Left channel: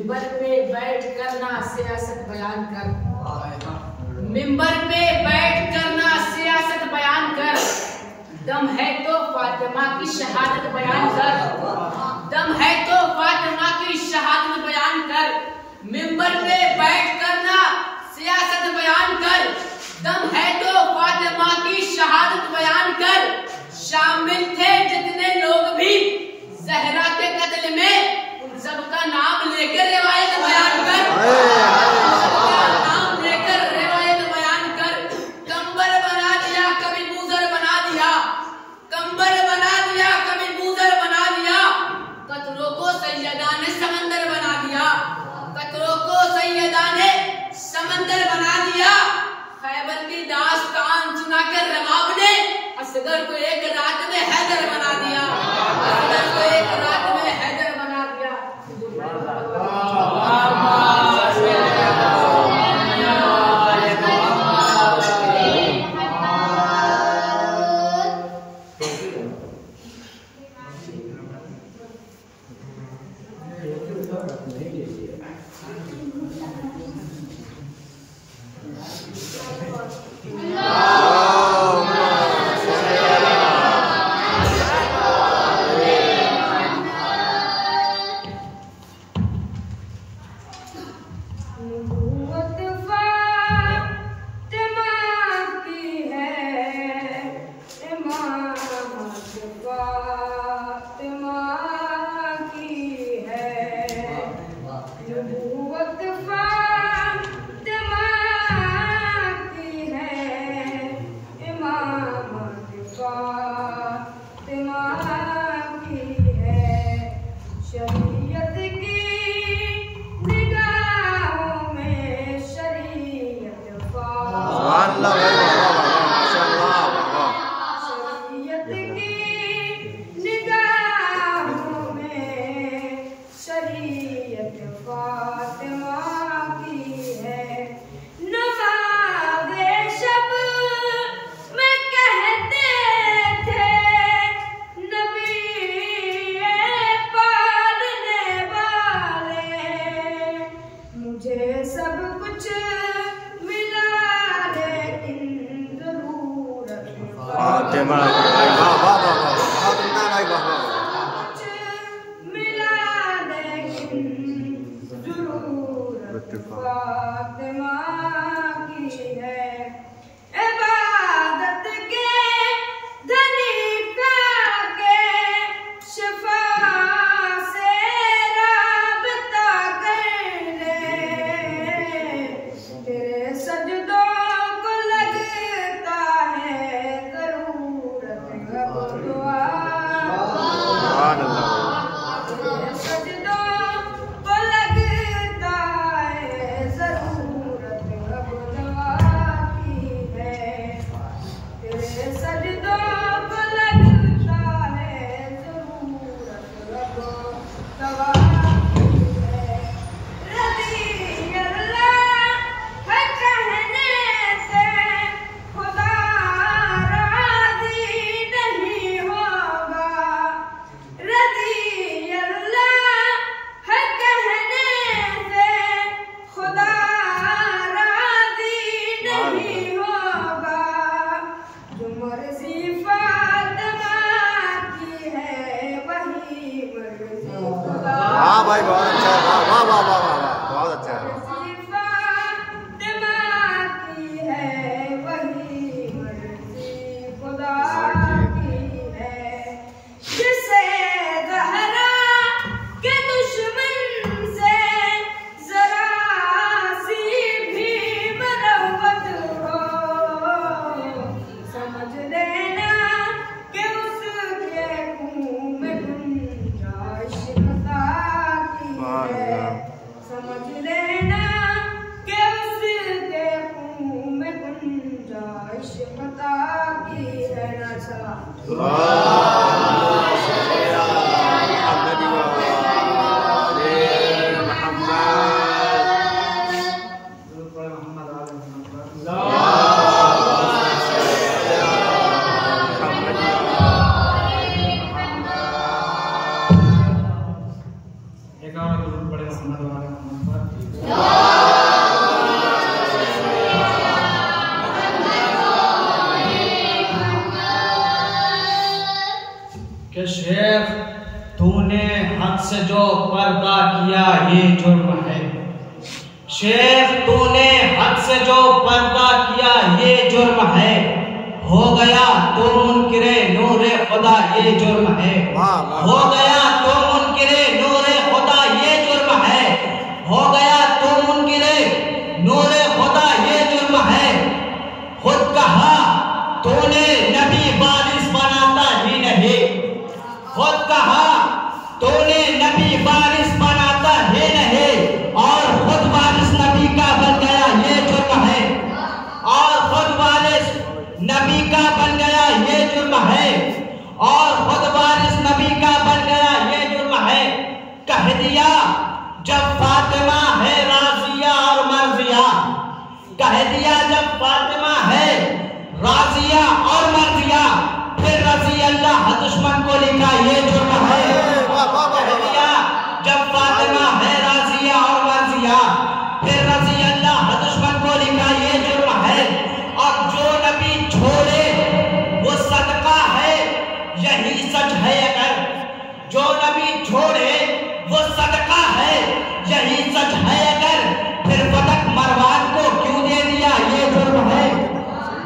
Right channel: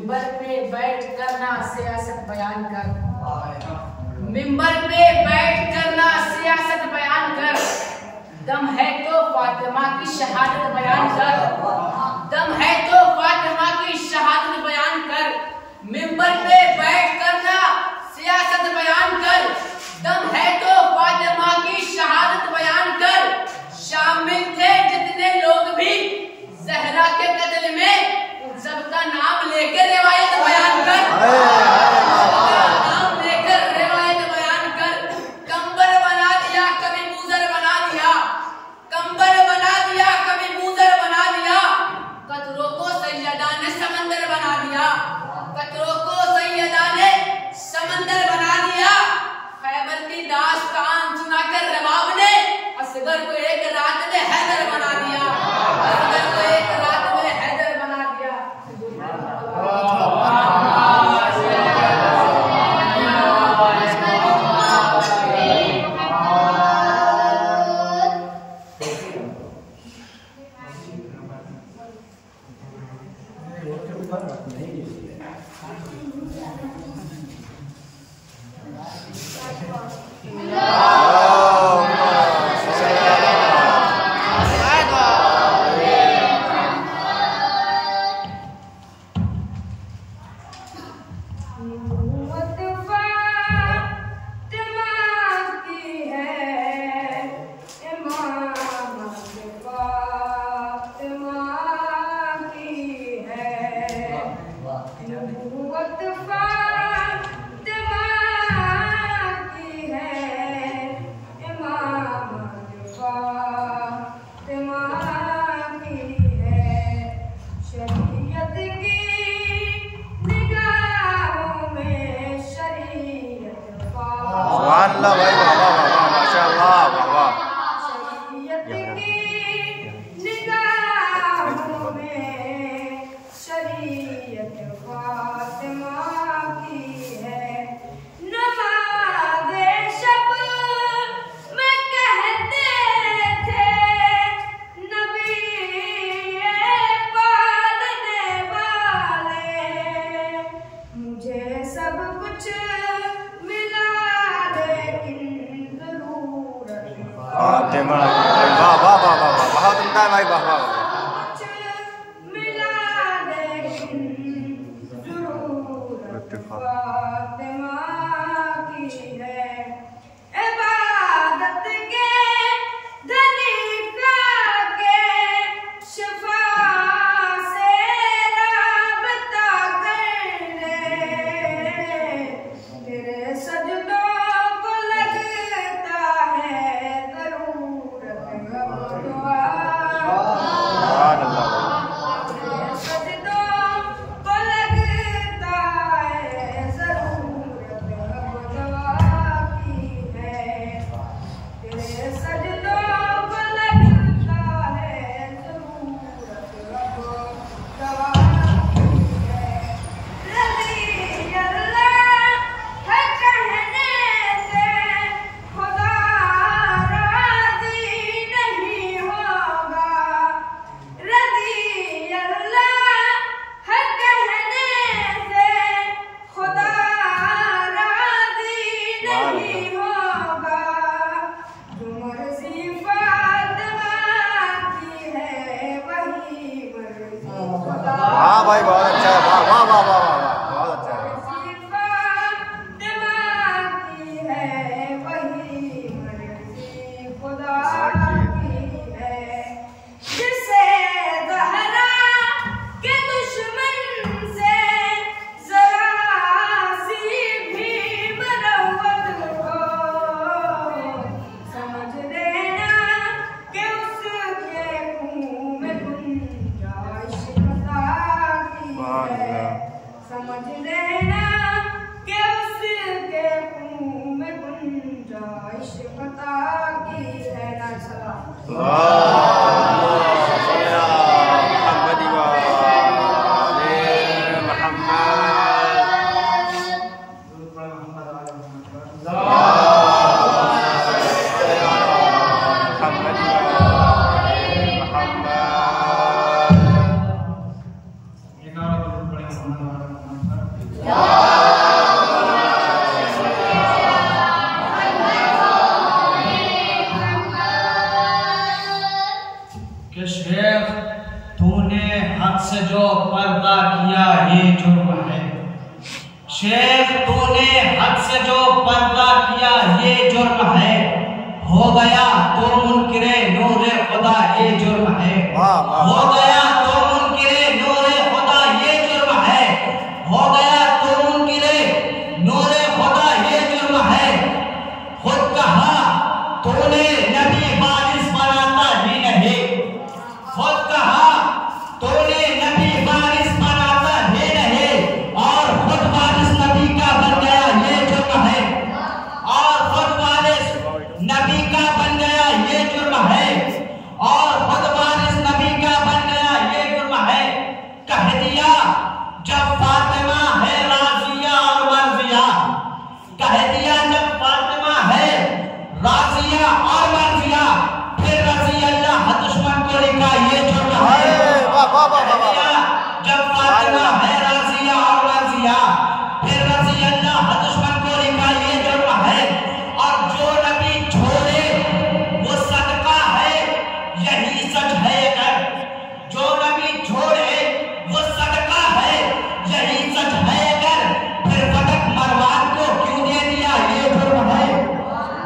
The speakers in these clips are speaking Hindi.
मिंबर पे बैठ करना सियासत बयान कर, मिंबर पे बैठ करना सियासत बयान कर, दम है तो फातिमा की शहादत बयान कर, दम है तो फातिमा की शहादत बयान कर, मिंबर पे बैठ करना सियासत बयान कर, दम है तो फातिमा की शहादत बयान कर। शामिल थे जितने लोग भी जहरा के कत्ल में, उन सबका नाम लेकर रिवायत बयान कर, नाम लेकर रिवायत बयान कर। कंबर बना दिया कभी मूजर बना दिया, कंबर बना दिया कभी मूजर बना दिया, कतरों को सैयदा ने समंदर बना दिया, कतरों को सैयदा ने समंदर बना दिया। खैबर की दास्तान सुनाकर रबाब ने असगर को एक रात में हैदर बना दिया, असगर को एक रात में हैदर बना दिया। अल्लाह भाई वाह वाह वाह माशाअल्लाह वाह वाह। शरीयत की निगाहों में शरीयत फातिमा की है, नमाज़े शब में कहते थे नबी पालने वाले, मुझे सब कुछ फातिमा भाई वाह वाह वाह वाह बहुत उम्दा भाई वाह वाह वाह। मिला लेकिन ज़रूरत फातिमा की है, इबादत के धनी का के शिफा से राबता कर ले, तेरे सजदों को लगता है सजदों को लगता है ज़रूरत अब दवा की है, तेरे सजदों को लगता है ज़रूरत अब दवा की है। रज़ी अल्लाह है कहने से खुदा राज़ी नहीं होगा, रज़ी अल्लाह है कहने से खुदा राज़ी नहीं होगा, जो मर्ज़ी फातिमा की है वही मर्ज़ी खुदा। हाँ भाई बहुत अच्छा है, वाह वाह वाह वाह वाह बहुत अच्छा है। फातिमा की है वही मर्ज़ी खुदा की है, जिसे ज़हरा के दुश्मन से ज़रा सी भी मरवत हो, समझ लेना कि उसके मुँह में गुंजाइश खता की है, समझ लेना कि उसके मुँह में गुंजाइश खता की है। मोहम्मद से जो पर्दा किया ये जुर्म है। शेख तूने हद से जो पर्दा किया ये जुर्म है। हो गया तो मुनकिरे नूरे खुदा ये जुर्म है। हो गया तो मुनकिरे नूरे खुदा ये जुर्म है। हो गया तो मुनकिरे नूरे खुदा ये जुर्म है। खुद कहा तूने नबी वारिस बनाता ही नहीं। खुद कहा तूने नबी वारिस बनाता ही नहीं और खुद वारिस नबी का बन गया ये जुर्म है। और खुद वारिस नबी का बन गया ये जुर्म है। और खुद वारिस नबी का बन गया ये जुर्म है। कह दिया जब फातिमा है राजिया और मर्जिया। कह दिया जब फातिमा है राजिया और मर्जिया फिर रजी अल्लाह दुश्मन को लिखा ये जुर्म है। जब फातिमा है राजिया और मर्जिया फिर रजी अल्लाह दुश्मन को लिखा ये जुर्म है। और जो नबी छोड़े वो सदका है यही सच है। अगर जो नबी छोड़े वो सदका है यही सच है। अगर फिर फतक मरवान को क्यों दे दिया ये जुर्म है।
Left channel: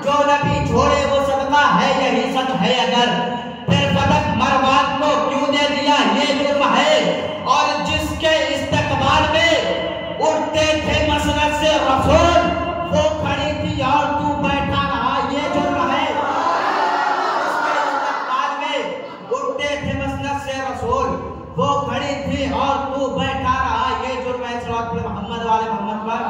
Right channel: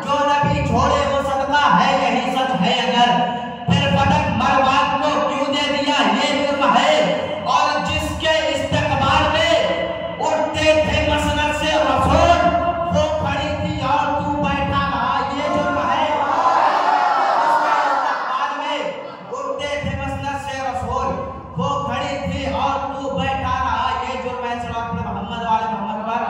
जो नबी छोड़े वो सदका है यही सच है। अगर फिर फतक मरवान को क्यों दे दिया ये जुर्म है। और जिसके इस्तकबाल में उठते थे मसनद से रसूल वो खड़ी थी और तू बैठा रहा ये जुर्म है। जिसके इस्तकबाल में उठते थे मसनद से रसूल वो खड़ी थी और तू बैठा रहा ये जुर्म है। सल्लल्लाहु अलैहि मोहम्मद वाले मोहम्मद पर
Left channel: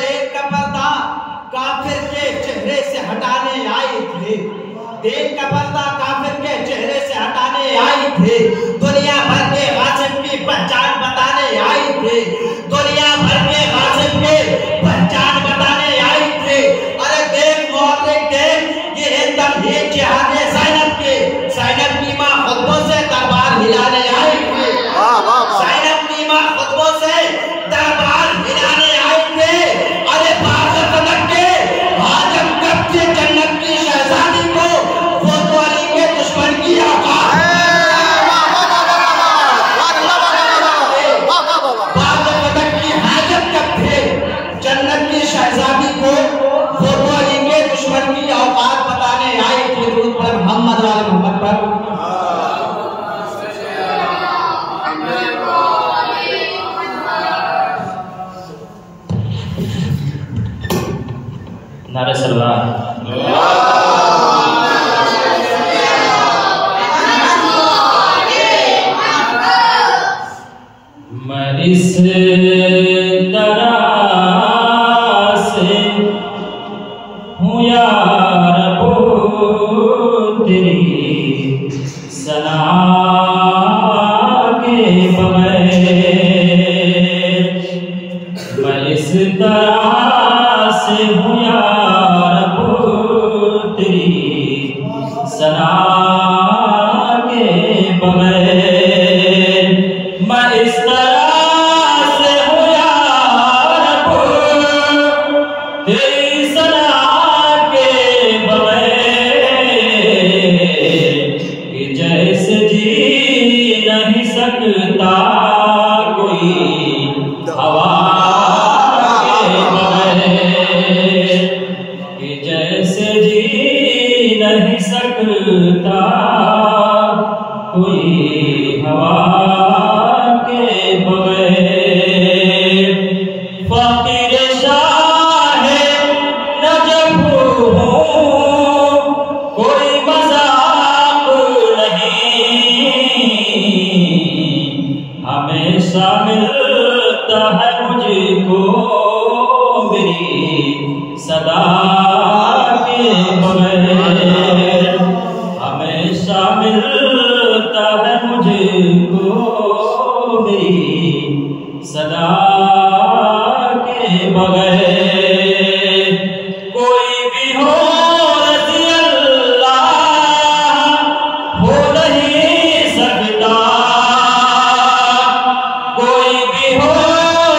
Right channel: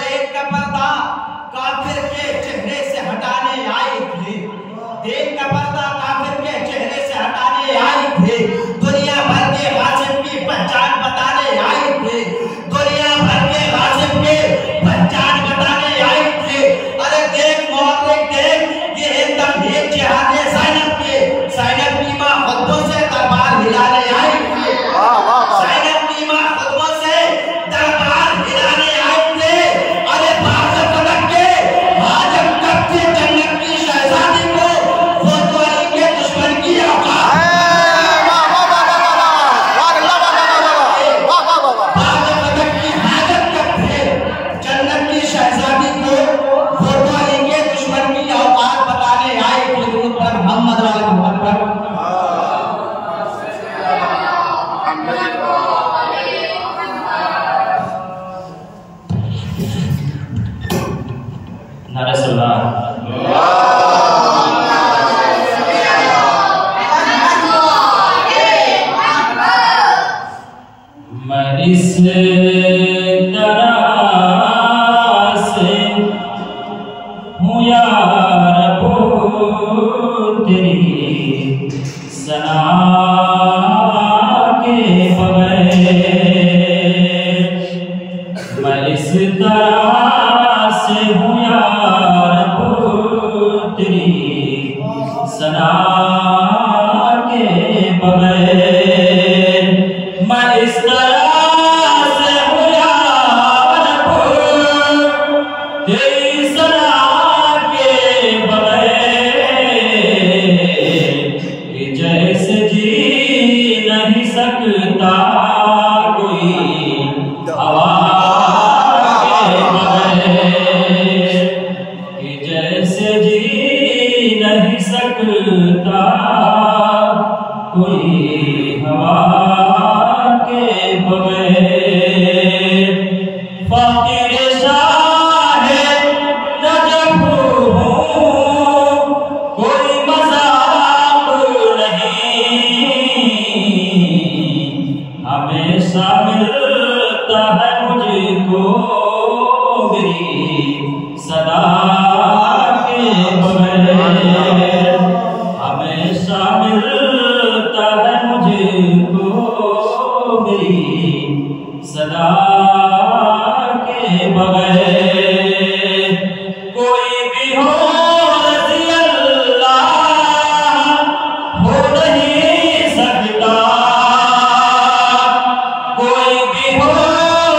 देख का पर्दा काफिर के चेहरे से हटाने आई थी। देख का पर्दा काफिर के चेहरे से हटाने आई थी। दुनिया भर के गासिब की पहचान बताने आई थी। दुनिया भर के गासिब की पहचान बताने आई थी। अरे देख मोहम्मद देख ये हिंदम ये जिहादे ज़ैनब की मां खुतबों से दरबार हिलाने आई थी। ज़ैनब की मां खुतबों से दरबार हिलाने आई थी। अरे बाप फलक के हाजम कब के जन्नत की शहजादी को वो तो अली के दुश्मन की औकात। बाप फलक की हाजम कब थे जन्नत की शहजादी को वो तो अली के दुश्मन की औकात बताने आए थे। रूप पर मोहम्मद वाले मोहम्मद पर नारे सलाम। मैं इस तरह से हूँ यार तेरी सना के बगैर। मैं इस तरह से हूँ यार तेरी सना के बगैर। मैं इस तरह से हूँ यार तेरी सना के बगैर कि जैसे जी नहीं सकता कोई जैसे जी नहीं सकता कोई हवा के बगैर। फकीर शाह नजफ हूँ कोई मजाक नहीं। हमेशा मिलता है मुझको मेरी सदा के बगैर। हमेशा मिलता है मुझको मेरी सदा के बगैर। कोई भी हो रज़ी अल्लाह हो नहीं सकता। कोई भी हो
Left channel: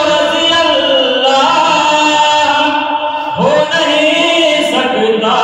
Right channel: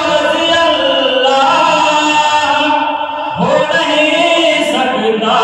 रज़ी अल्लाह हो नहीं सकता।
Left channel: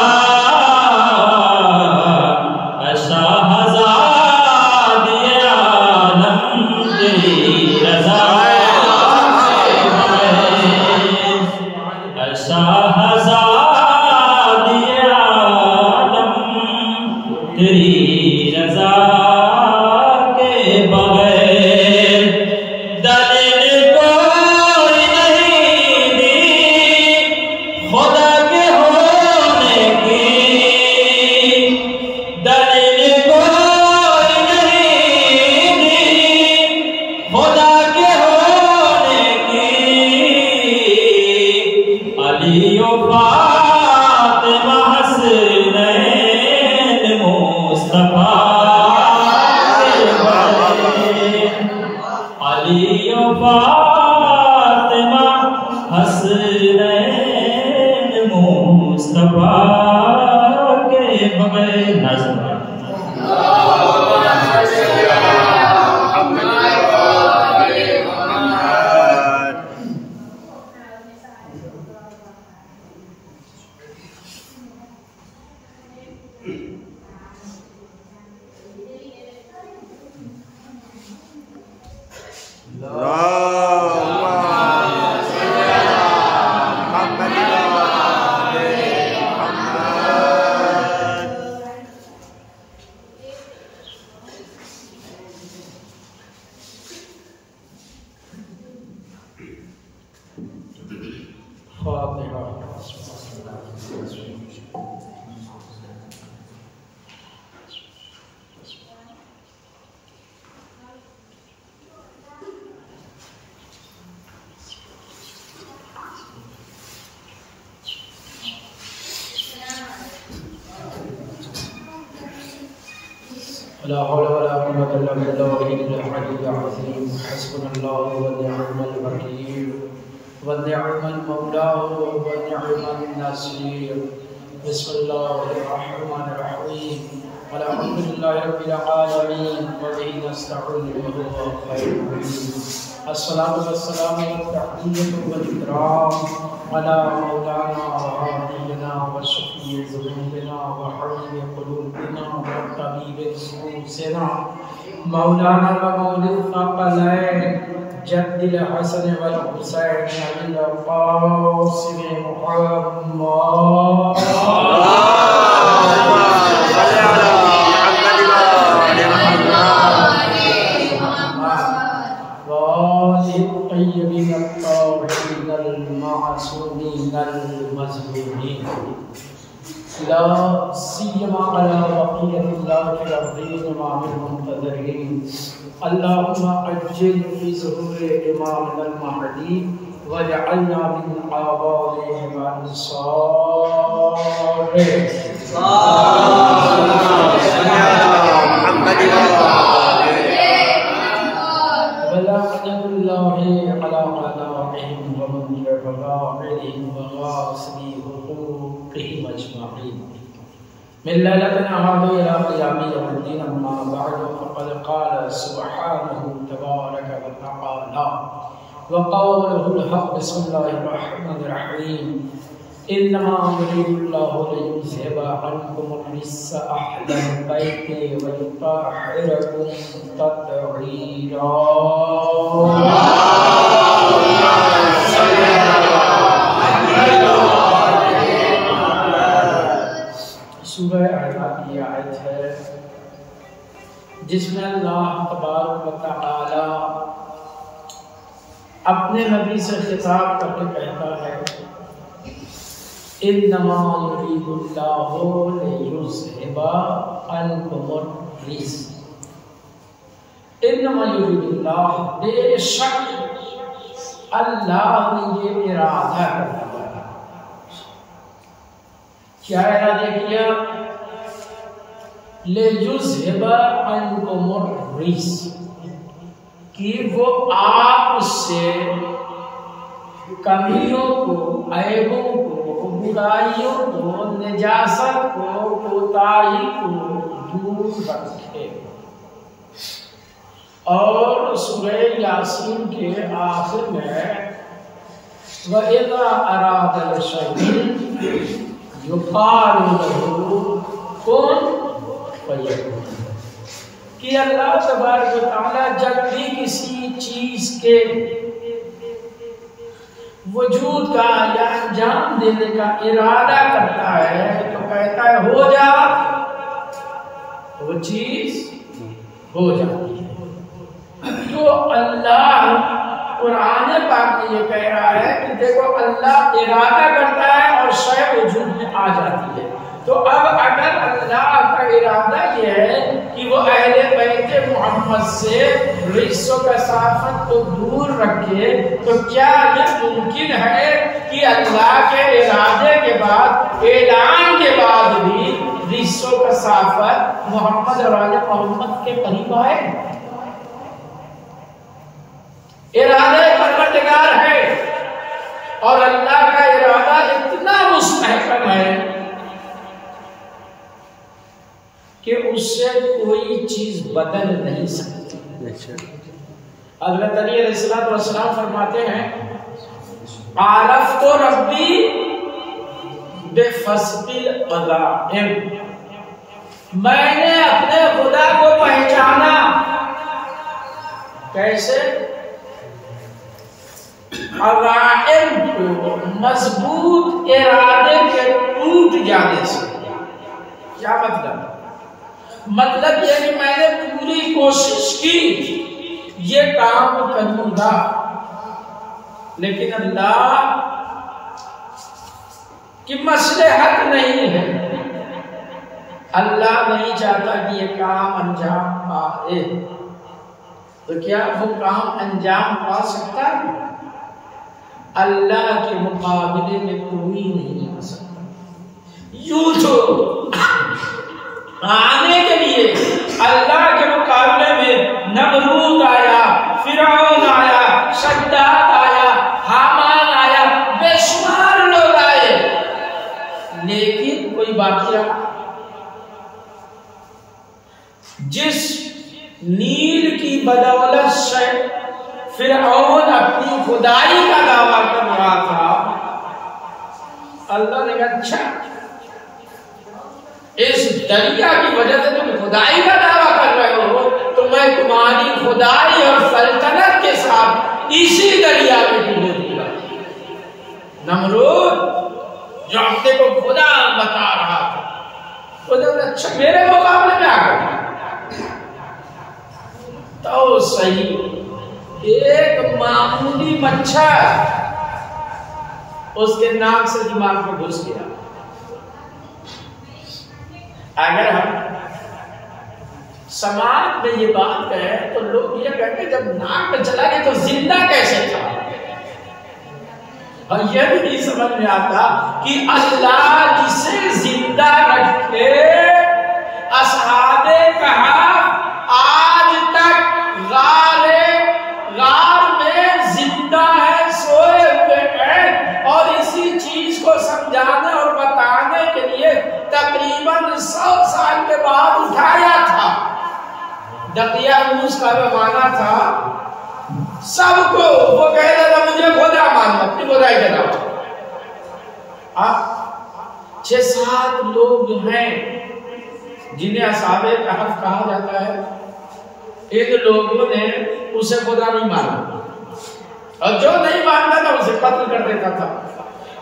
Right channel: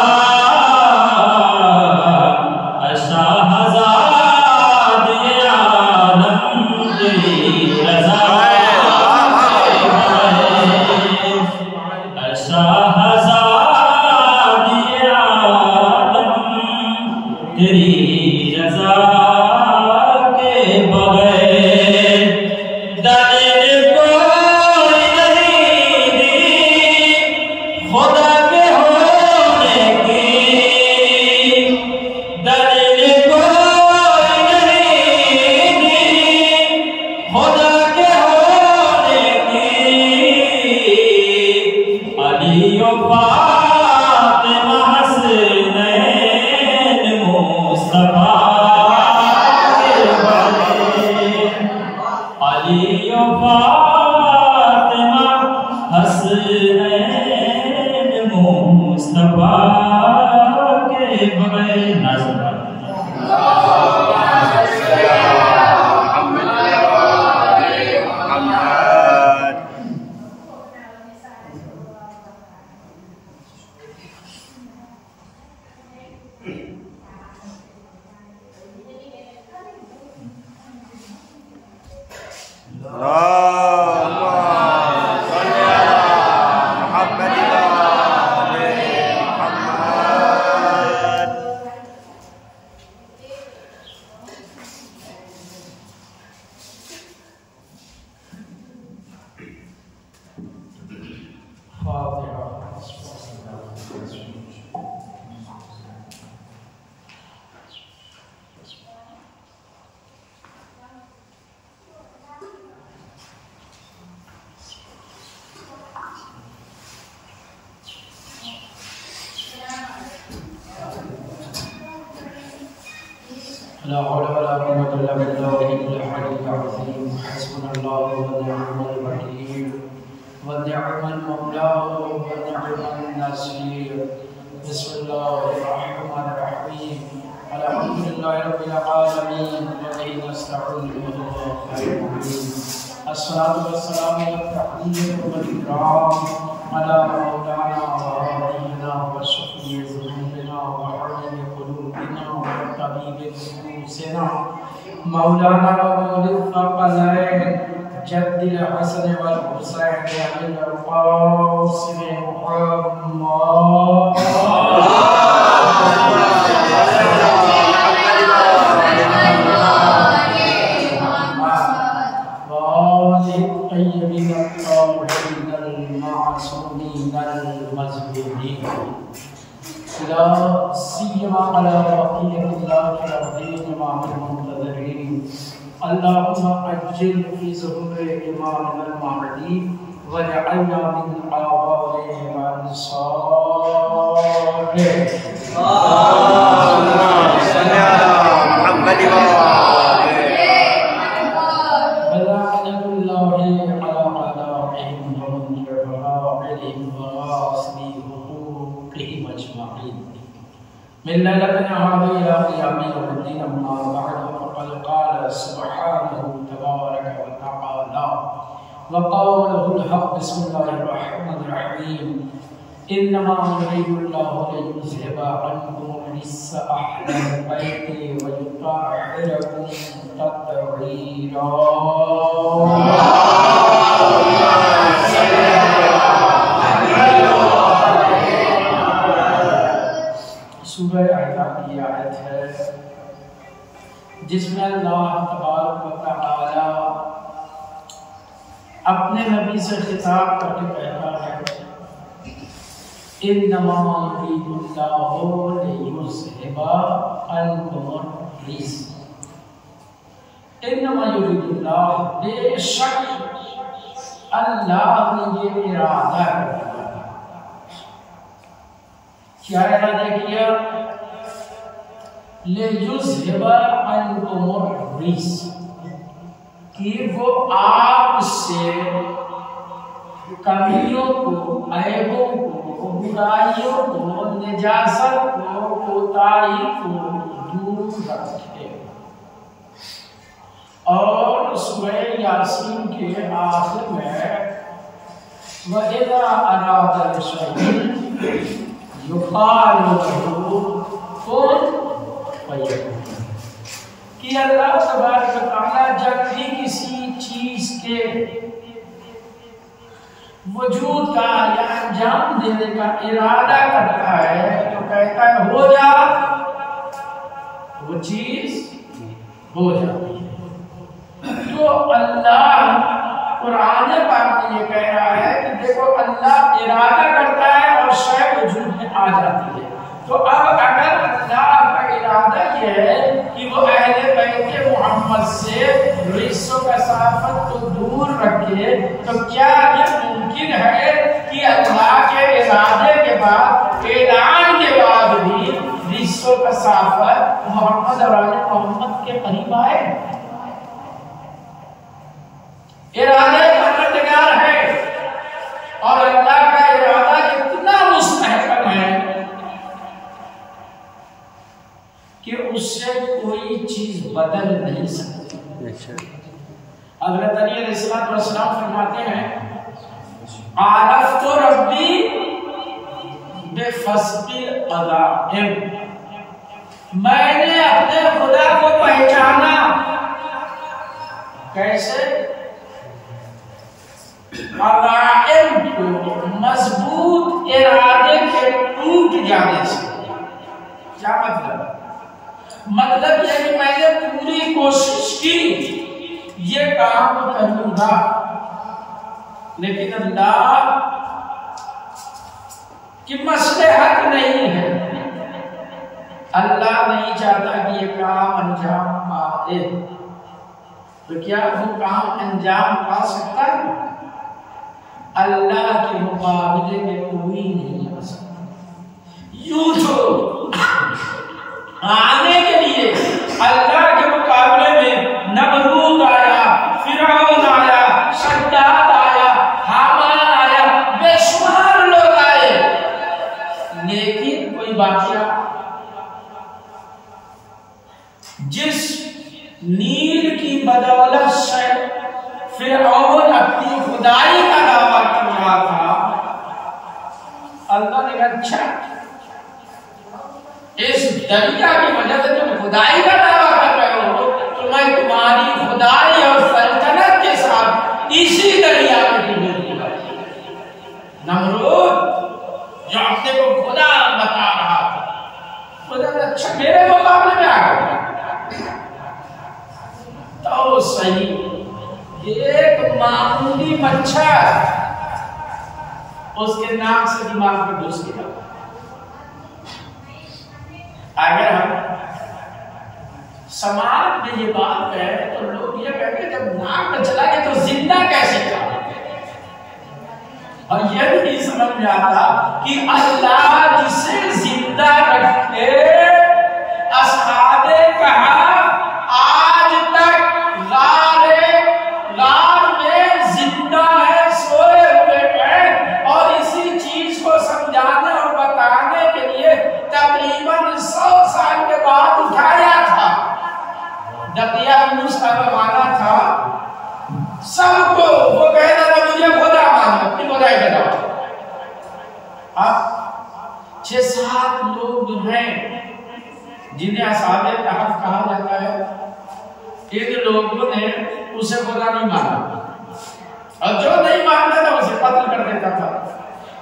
मौलाना जद्दिल हसन वल हुसैन अल क़ासिम अल्लाहुम्मा अज्जिल फी ज़ुहूर इमाम अल-महदी वजअलना मिन आबाइहि व अंसारिहि अल्लाहुम्मा सल्लि अला मुहम्मद व बलागुल्लाहि अला अदाइहिम व मुनज़िरहिम व ग़ासिबि हुकूक़िहिम अजमईन मिल्लतन अहमद इला क़ियामी यौमिद्दीन अम्मा बअद फ़क़द क़ाल सुब्हानहु तबारक व तआला व क़ौलुहुल हक़ बिस्मिल्लाहिर रहमानिर रहीम इन्नमा युरीदुल्लाहु लियुज़हिबा अन्कुमुर रिज्सा अहलल बैति व युतahhirakum तत्हीरा सूरह अहज़ाब की आयत है जिसमें अल्लाह तबारक व तआला अपने नबी से खिताब करके कहता है इन्नमा युरीदुल्लाहु लियुज़हिबा अन्कुमुर रिज्स इन्नमा युरीदुल्लाह बेशक अल्लाह ने ये इरादा किया क्या इरादा किया लियुज़हिबा अन्कुमुर रिज्स कि वो आपसे कमियों को ऐबों को बुराइयों को निजासत को कोताही को दूर रखे। और सूरह यासीन के आखिर में वइज़ा अरादा शैअन युक़ालु लहू कुन फयकून कि अल्लाह तबारक व तआला जब भी किसी चीज के वजूद का या अंजाम देने का इरादा करता है तो कहता है हो जा, वो चीज हो जाती है। तो अल्लाह कुरान पाक में ये कह रहा है कि देखो अल्लाह इरादा करता है और शय वजूद में आ जाती है। तो अब अगर अल्लाह का इरादा ये है कि वो अहले बैत मोहम्मद से रिश्व कसाफत को दूर रखे, तो क्या ये मुमकिन है कि अल्लाह के इरादे के बाद, ऐलान के बाद भी रिश्व कसाफत मोहम्मद और आले मोहम्मद के करीब आए? इरादा परवरदिगार है और अल्लाह का इरादा इतना मुस्तहकम है कि उससे कोई चीज बदल नहीं सकती। हज़रत अली अलैहिस्सलाम फरमाते हैं, आरफ तो रब्बी बेफस्बिल अज़ाइम, मैंने अपने खुदा को पहचाना। कैसे? अज़ाइम को मजबूत इरादे के टूट जाने से। क्या मतलब? मतलब यह कि मैंने पूरी कोशिश की ये काम करूंगा, लेकिन अल्लाह की मसलहत नहीं है, अल्लाह नहीं चाहता कि ये काम अंजाम पाए। तो क्या वो काम अंजाम पा सकता है? अल्लाह के मुकाबले में कोई नहीं आ सकता। यूं तो आने के लिए अल्लाह के मुकाबले में नमरूद आया, फिरौन आया, शद्दाद आया, हामान आया, बेशुमार लोग आए, लेकिन कोई वाकया जिस नील की बदौलत से फिरौन अपनी खुदाई का दावा कर रहा था, अल्लाह ने अच्छा इस दरिया की वजह से तुम खुदाई का दावा कर रहे हो, तो मैं तुम्हारी खुदाई और सल्तनत के साथ इसी दरिया में डूबो दूंगा। नमरूद जो अपने को खुदा बता रहा था, खुदा ने अच्छा मेरे मुकाबले में आ गया। तो सही एक मामूली मच्छर उसके नाक से दिमाग में घुस गया। अगर हम समाज में ये बात कहें तो लोग ये कहते हैं जब नाक में चला गया तो जिंदा कैसे था, और यह नहीं समझ में आता कि अल्लाह जिसे जिंदा रखे, असहाबे कहा आज तक गार में जिंदा है, सोए हुए हैं, और इसी चीज को समझाने और बताने के लिए तकरीबन 100 साल के बाद उठाया था। दकिया यूनुस का जमाना था, सबको वो कह रहा था मुझे खुदा मानना, अपनी खुदाई का जवाब। 6-7 लोग जो हैं जिन्हें असहाबे कहफ कहा जाता है, इन लोगों ने उसे खुदा नहीं माना, और जो नहीं मानता था उसे कत्ल कर देता था।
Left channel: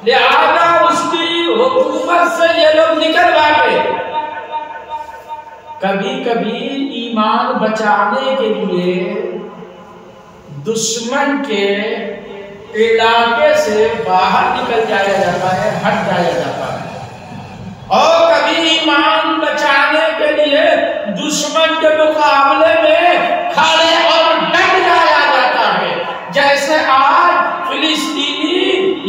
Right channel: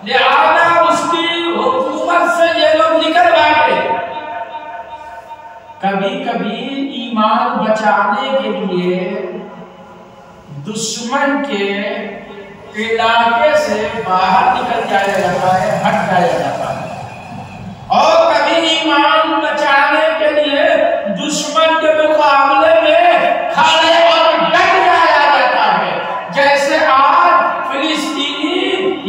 लिहाजा उसकी हुकूमत से ये लोग निकल गए। कभी कभी ईमान बचाने के लिए दुश्मन के इलाके से बाहर निकल जाया जाता है, हट जाया जाता है, और कभी ईमान बचाने के लिए दुश्मन के मुकाबले में खड़े और डट जाया जाता है। जैसे आज फिलिस्तीनी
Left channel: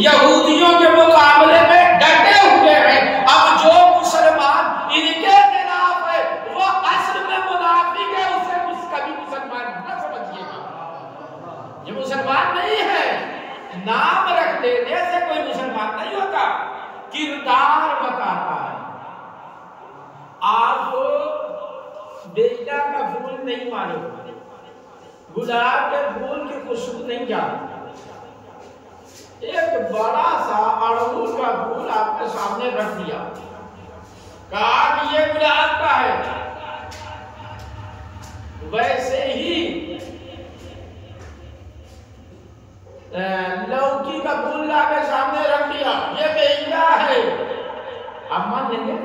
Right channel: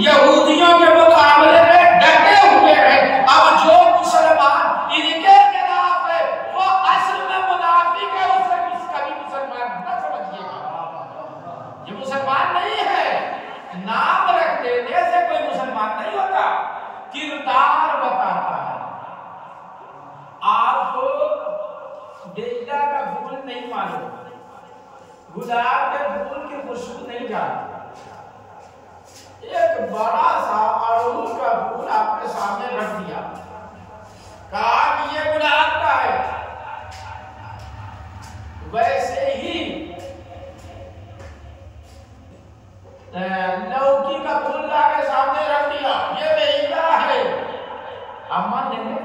यहूदियों के मुकाबले में डटे हुए हैं। अब जो मुसलमान इनके खिलाफ है वो असल में मुनाफिक है, उसे कभी मुसलमान न समझिएगा। ये मुसलमान नहीं है, नाम रख देने से कोई मुसलमान नहीं होता, किरदार बताता है। आपको बेला का फूल नहीं मालूम, गुलाब के फूल की खुशबू नहीं जानते, एक बड़ा सा अड़हुल का फूल आपके सामने रख दिया, कहा कि ये गुलाब का है, वैसे ही लौकी का फूल ला के सामने रख दिया, ये बेला है, आप मान लेंगे?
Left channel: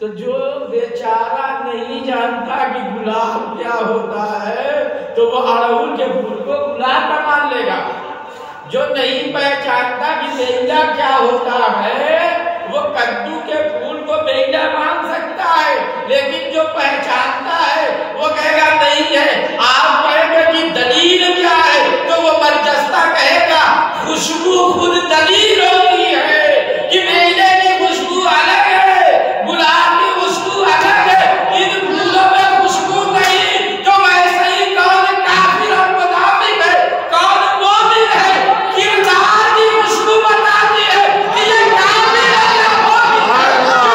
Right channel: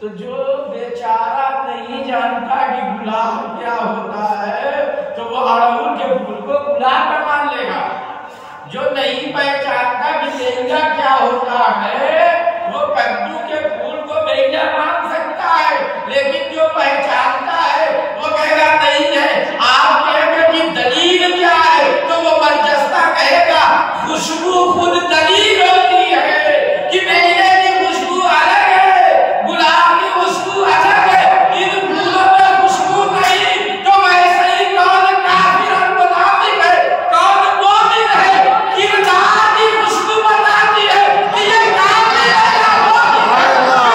तो जो बेचारा नहीं जानता कि गुलाब क्या होता है तो वो अड़हुल के फूल को गुलाब का मान लेगा। जो नहीं पहचानता कि बेला क्या होता है वो कद्दू के फूल को बेला मान सकता है, लेकिन जो पहचानता है वो कहेगा नहीं है। आप कहेंगे कि दलील क्या है तो वो बरजस्ता कहेगा खुशबू खुद दलील होती है कि बेले की खुशबू अलग है, गुलाब की खुशबू अलग है, इन फूलों में खुशबू नहीं। तो वैसे ही कौन काफिर और मुनाफिक है, कौन मोमिन है, किरदार की खुशबू बताती है कि ये काफिर है या मोमिन है।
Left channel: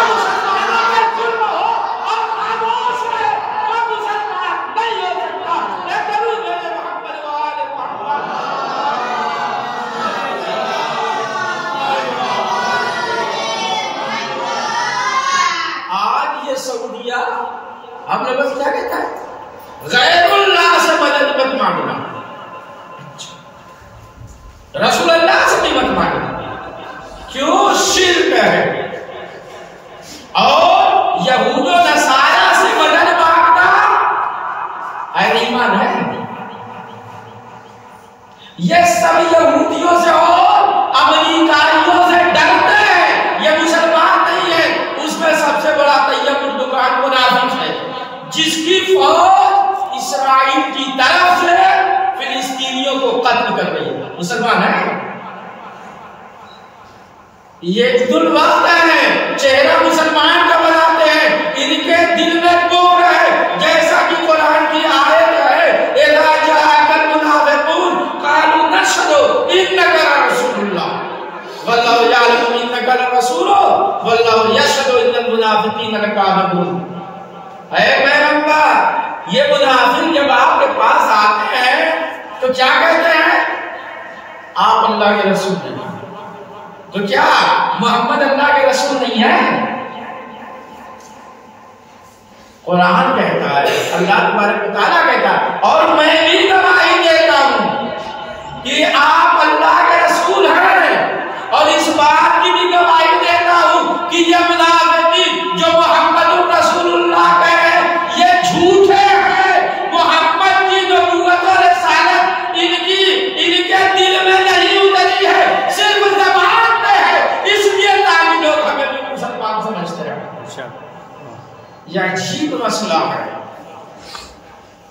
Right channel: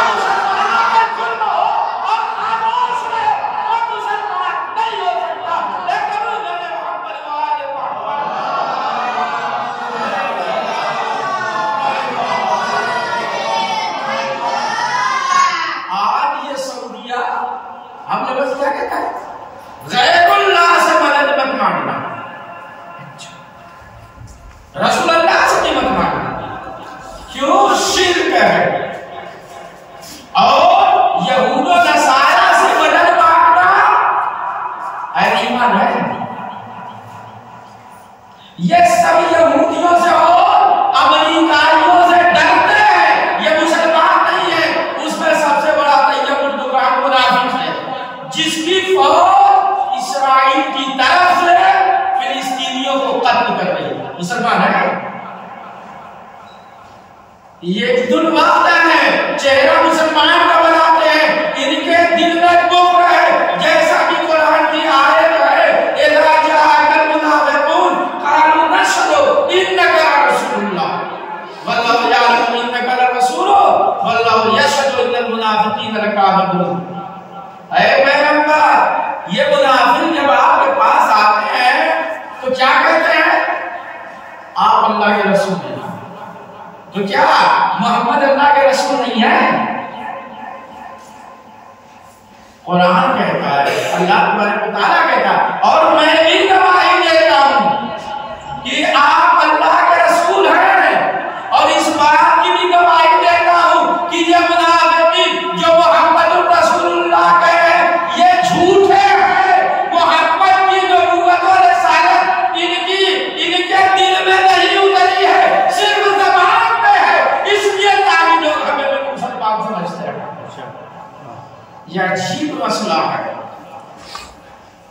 हमने बस क्या कहता है गैरुल्लाह से मदद मत मांगना, रसूलुल्लाह से भी मत मांगना, क्यों? शिर्क है। और यहूद और नसारा से मदद मांगना ईमान है। ये सब यहूदियों से और अमेरिकाइयों से डरते हैं, ये मुसलमान नहीं है। उसमें सबसे बड़ा तैयब दुकान मुनाफिक है जिसकी फौज इस्राइल की तरफ से फिलिस्तीनियों को कत्ल कर रही है। मुसलमान है ये, दुर्वाते हैं, चेहरा मुसलमान का बनाते हैं, इनके दिल में कुफ्र है। जैसा कि कुरान की आयत है इज़ा जाअकल मुनाफिकून क़ालू नशहदु इन्नका रसूलुल्लाह वल्लाहु यअलमु इन्नका लरसूलुहु वल्लाहु यशहदु इन्नल मुनाफिकीन लकाज़िबून। ऐ पैगंबर, ये मुनाफिक जब आपके पास आते हैं तो क्या कहते हैं? आप अल्लाह के रसूल हैं। तो क्या मोहम्मद अल्लाह के रसूल नहीं है? कुरान कहता है, अल्लाह तबारक व तआला कहता है, और मैं भी गवाही देता हूं कि आप अल्लाह के रसूल हैं, और इस बात की भी गवाही देता हूं कि ये मुनाफिक जो मोहम्मद रसूलुल्लाह ये झूठे हैं। मोहम्मद की नबूवत और रिसालत इनके दिल में नहीं उतरी है, सिर्फ ज़बान पे है, इसलिए ताकि लोग हमें मुसलमान समझते हैं। यह अजीब मसला है।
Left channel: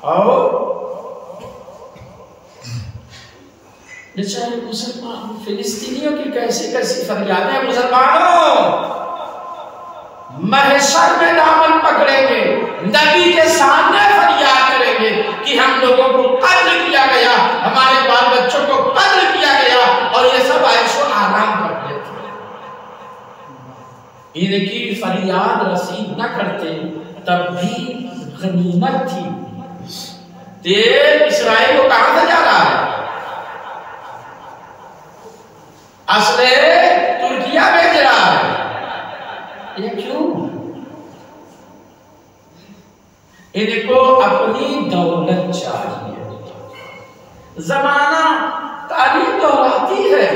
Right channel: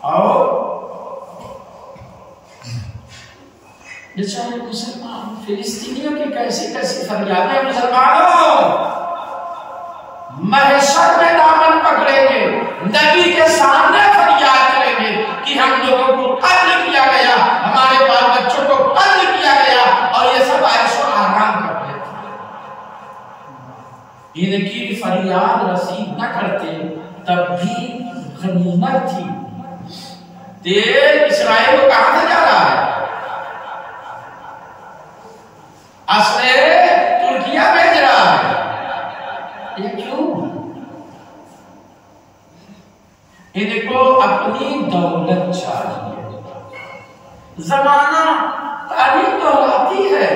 और बेचारे मुसलमान फिलिस्तीनियों की कैसी कैसी फरियादें, मुसलमानों महशर में दामन पकड़ेंगे, नबी के सामने फरियाद करेंगे कि हम लोगों को कत्ल किया गया, हमारे बाल बच्चों को कत्ल किया गया, और ये सब ऐशो आराम कर लेते। इनकी फरियाद रसीद न करते तब भी गनीमत थी। तेल इस्राइल को कहां से जा रहा है? असले तुर्किया भेज रहा है। ये क्यों? इनको अपनी दौलत चाहिए। जमाना तारीख तो आती है,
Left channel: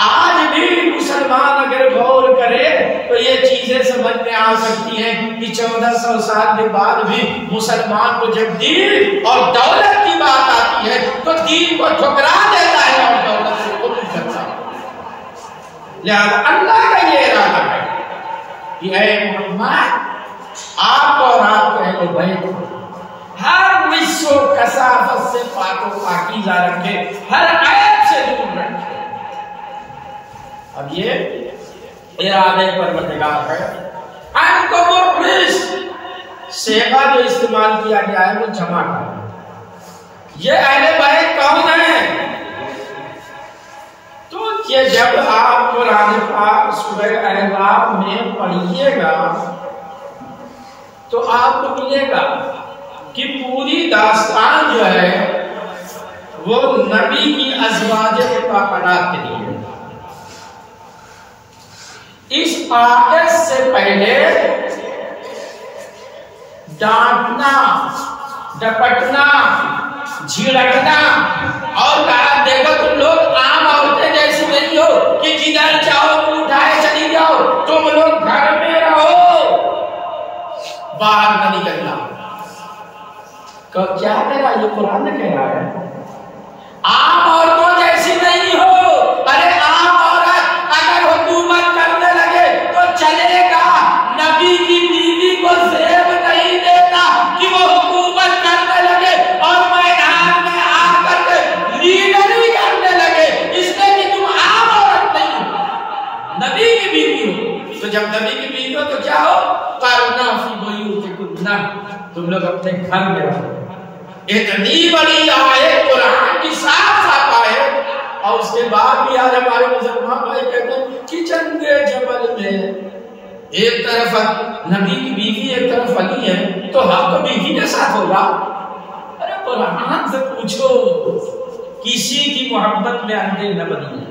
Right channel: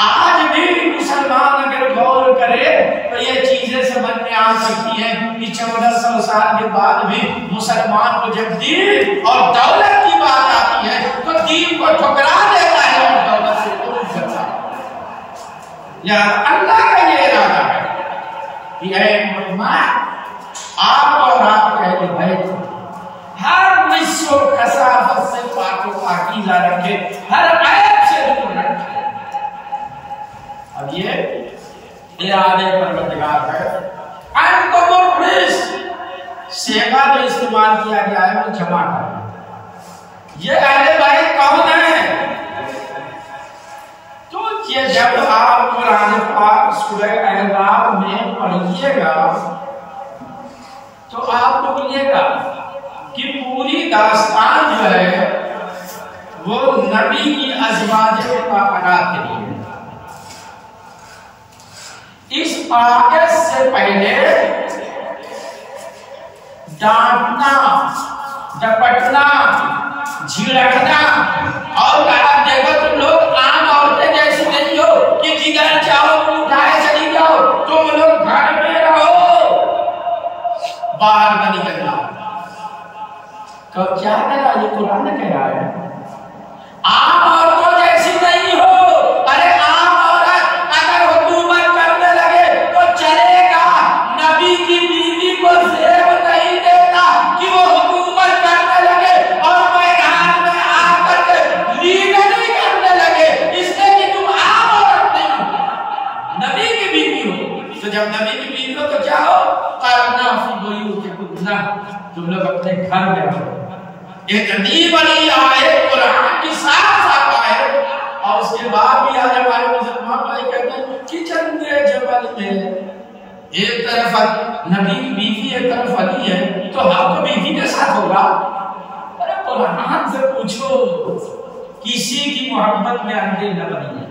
आज भी मुसलमान अगर गौर करे तो ये चीजें समझ में आ सकती हैं कि 1400 साल के बाद भी मुसलमान को जब दीन और दौलत की बात आती है तो दीन को ठुकरा देता है और दौलत से कबूल करता है। लिहाजा अल्लाह का ये इरादा है कि आप और आपके अहले बैत हर निस्व कसाफत से पाको पाकीज़ा रखे, हर ऐब से दूर रखे। अब ये इरादे पर मददगार है। सेवा जो इस्तेमाल किया गया है वो जमा कर। ये अहले बैत कौन है? तो ये जब आप कुरान पाक सूरह अहज़ाब में पढ़िएगा तो आपको मिलेगा कि पूरी दास्तान जो है वो नबी की अज़वाजे पाकनात के लिए। इस आयत से पहले डांटना, डपटना, झिड़कना और कहा देखो तुम लोग आम औरतें जैसी नहीं हो कि जिधर चाहो तुम उठाए चली जाओ, तुम लोग घर में रहो, बाहर न निकलना। क्या कहा ये कुरान ने कहा है? आम औरतों जैसी नहीं हो। अरे आम औरत अगर हुकूमत करने लगे तो चलेगा, नबी की बीवी को जेब नहीं देता कि वो हुकूमत करने लगे और मैदान में आकर के लीडरी करने लगे, इसलिए कि तुम आम औरत नहीं हो, नबी की बीवी हो। तो जब नबी की बीवी हो तो क्या हो? करना फी बुयूतिकुन्ना, तुम लोग अपने घर में रहो। इतनी बड़ी आयत कुरान की साफ आयत, और उसके बाद भी आज हमारे मुसलमान भाई कहते हैं कि जंगे जबल में एक तरफ नबी की बीवी एक तरफ अली है, तो हम तो बीवी के साथ होगा। अरे कुरान से पूछो, किसी की मोहब्बत में अंधे न बनी है।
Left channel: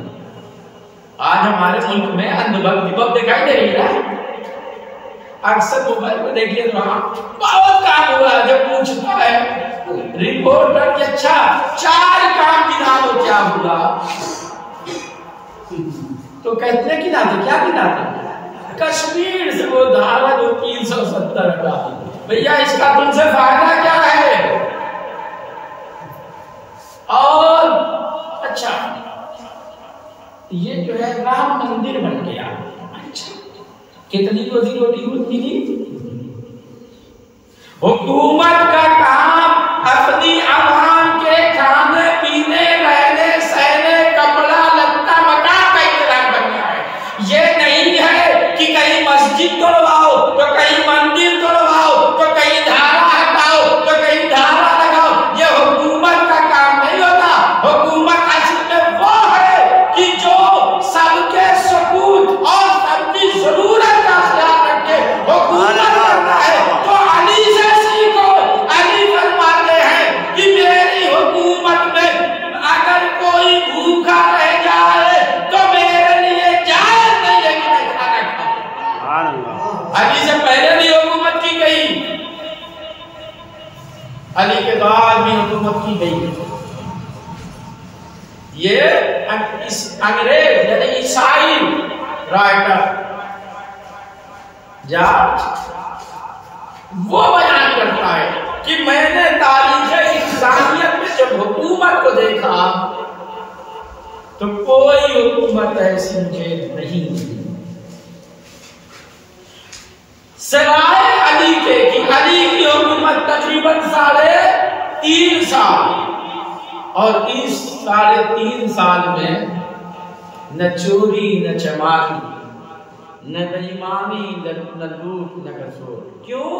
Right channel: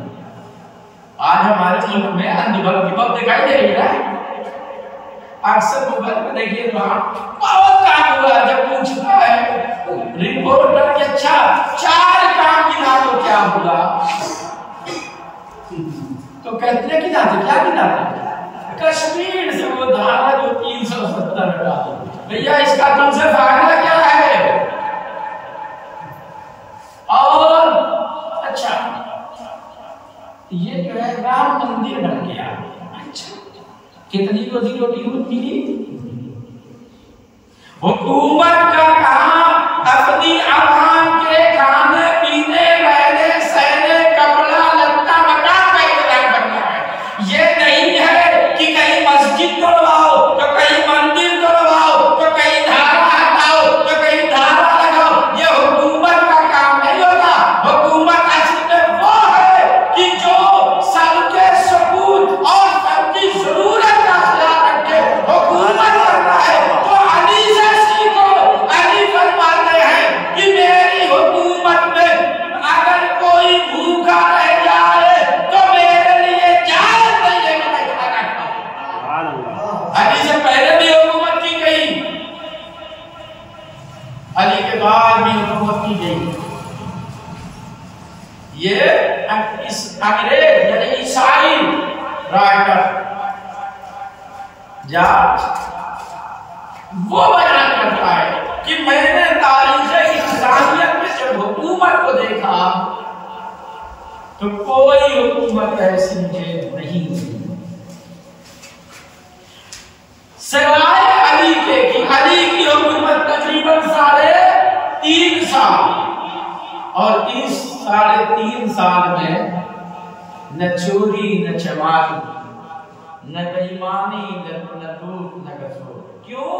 आज हमारे मुल्क में अंधभक्ति बहुत दिखाई दे रही है। अक्सर मोबाइल में देखिए वहां बहुत काम हुआ, जब पूछता है रिपोर्टर कि अच्छा 4 काम गिना दो क्या हुआ, तो कहते हैं गिनाते क्या गिनाते? कश्मीर से वो धारा जो 370 का, भैया इसका तुमसे फायदा क्या है? और अच्छा ये जो है राम मंदिर बन गया, अच्छा कितनी रोजी रोटी होती है? हुकूमत का काम अपनी आवाम के खाने पीने, रहने सहने, कपड़ा लत्ता मकान का इंतजाम करना है। ये नहीं है कि कहीं मस्जिद तोड़वाओ तो कहीं मंदिर तोड़वाओ तो कहीं धारा हटाओ तो कहीं धारा लगाओ। ये हुकूमत का काम नहीं होता। हुकूमत असल में वो है कि जो सबके सुकून और सबकी जरूरत का ख्याल रखे। हुकूमत तो अली से सीखो। अली फरमाते हैं कि मेरी हुकूमत में अगर कोई भूखा रह जाए तो मेरे लिए जायज नहीं है कि मैं खाना खाऊं। अली से पहले भी हुकूमत की गई, अली के बाद भी हुकूमत की गई। ये अंग्रेज यानी ईसाई राइटर वो बयान करता है कि मैंने तारीख इंसानियत में जब हुकूमत को देखा तो कोई हुकूमत ऐसी मुझे नहीं मिली सिवाय अली के। कि अली की हुकूमत तकरीबन 3.5 साल, और इस 3.5 साल में न चोरी न चमारी न बेईमानी न लूट न गसूर। क्यों?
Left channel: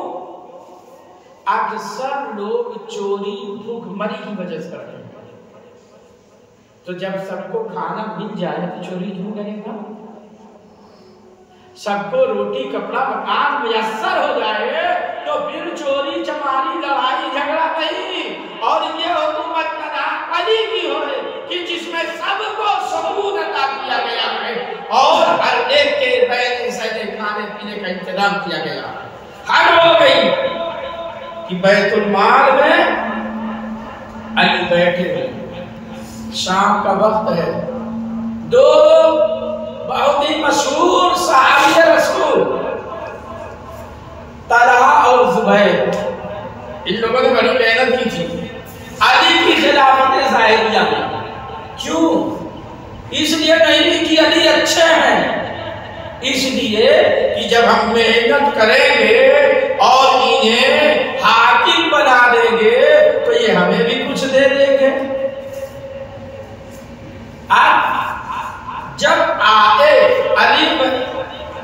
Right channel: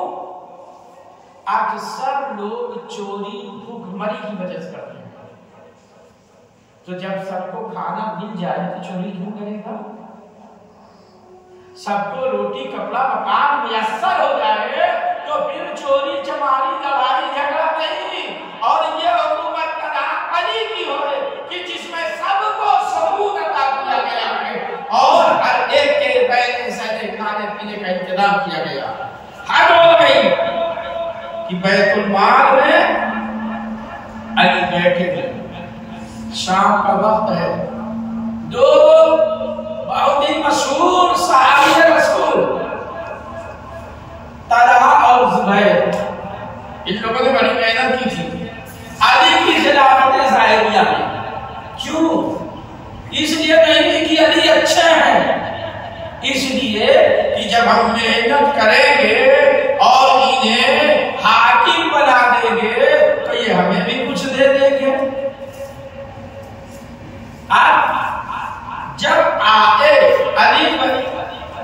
अक्सर लोग चोरी भूखमरी की वजह से करते हैं। तो जब सबको खाना मिल जाए तो चोरी क्यों करेगा? सबको रोटी कपड़ा मकान मुयस्सर हो जाए तो फिर चोरी चमारी लड़ाई झगड़ा नहीं। और ये हुकूमत का नाम अली की हो कि जिसमें सबको सुकून अता किया गया है और हर एक के रहने सहने खाने पीने का इंतजाम किया गया। हर हो गई कि बैतुल माल में अली बैठे हैं, शाम का वक्त है। 2 बहुत ही मशहूर सहाबी रसूल तलहा और जुबैर, इन लोगों ने बड़ी मेहनत की थी अली की खिलाफत ज़ाहिरिया में। क्यों? इसलिए नहीं कि अली अच्छे हैं, इसलिए कि जब हम मेहनत करेंगे और इन्हें हाकिम बना देंगे तो ये हमें भी कुछ दे देंगे। जब आए अली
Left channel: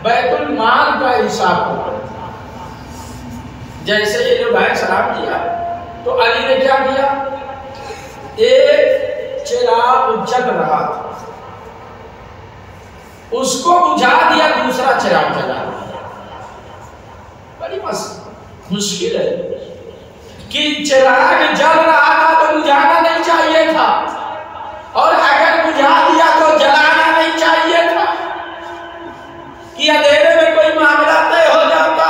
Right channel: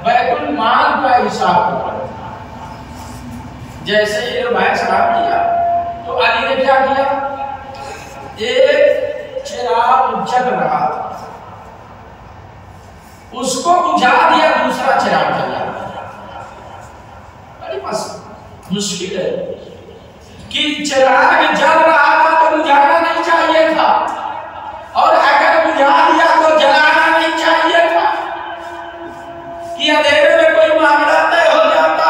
बैतुल माल का हिसाब, जैसे ये भाई सलाम किया तो अली ने क्या किया? एक चिराग जग रहा था, उसको बुझा दिया, दूसरा चिराग जला दिया। बड़ी मुश्किल है कि चिराग जल रहा था तो बुझाना नहीं चाहिए था, और अगर बुझा दिया तो जलाना नहीं चाहिए था कि अंधेरे में कोई मामला तय हो जाता।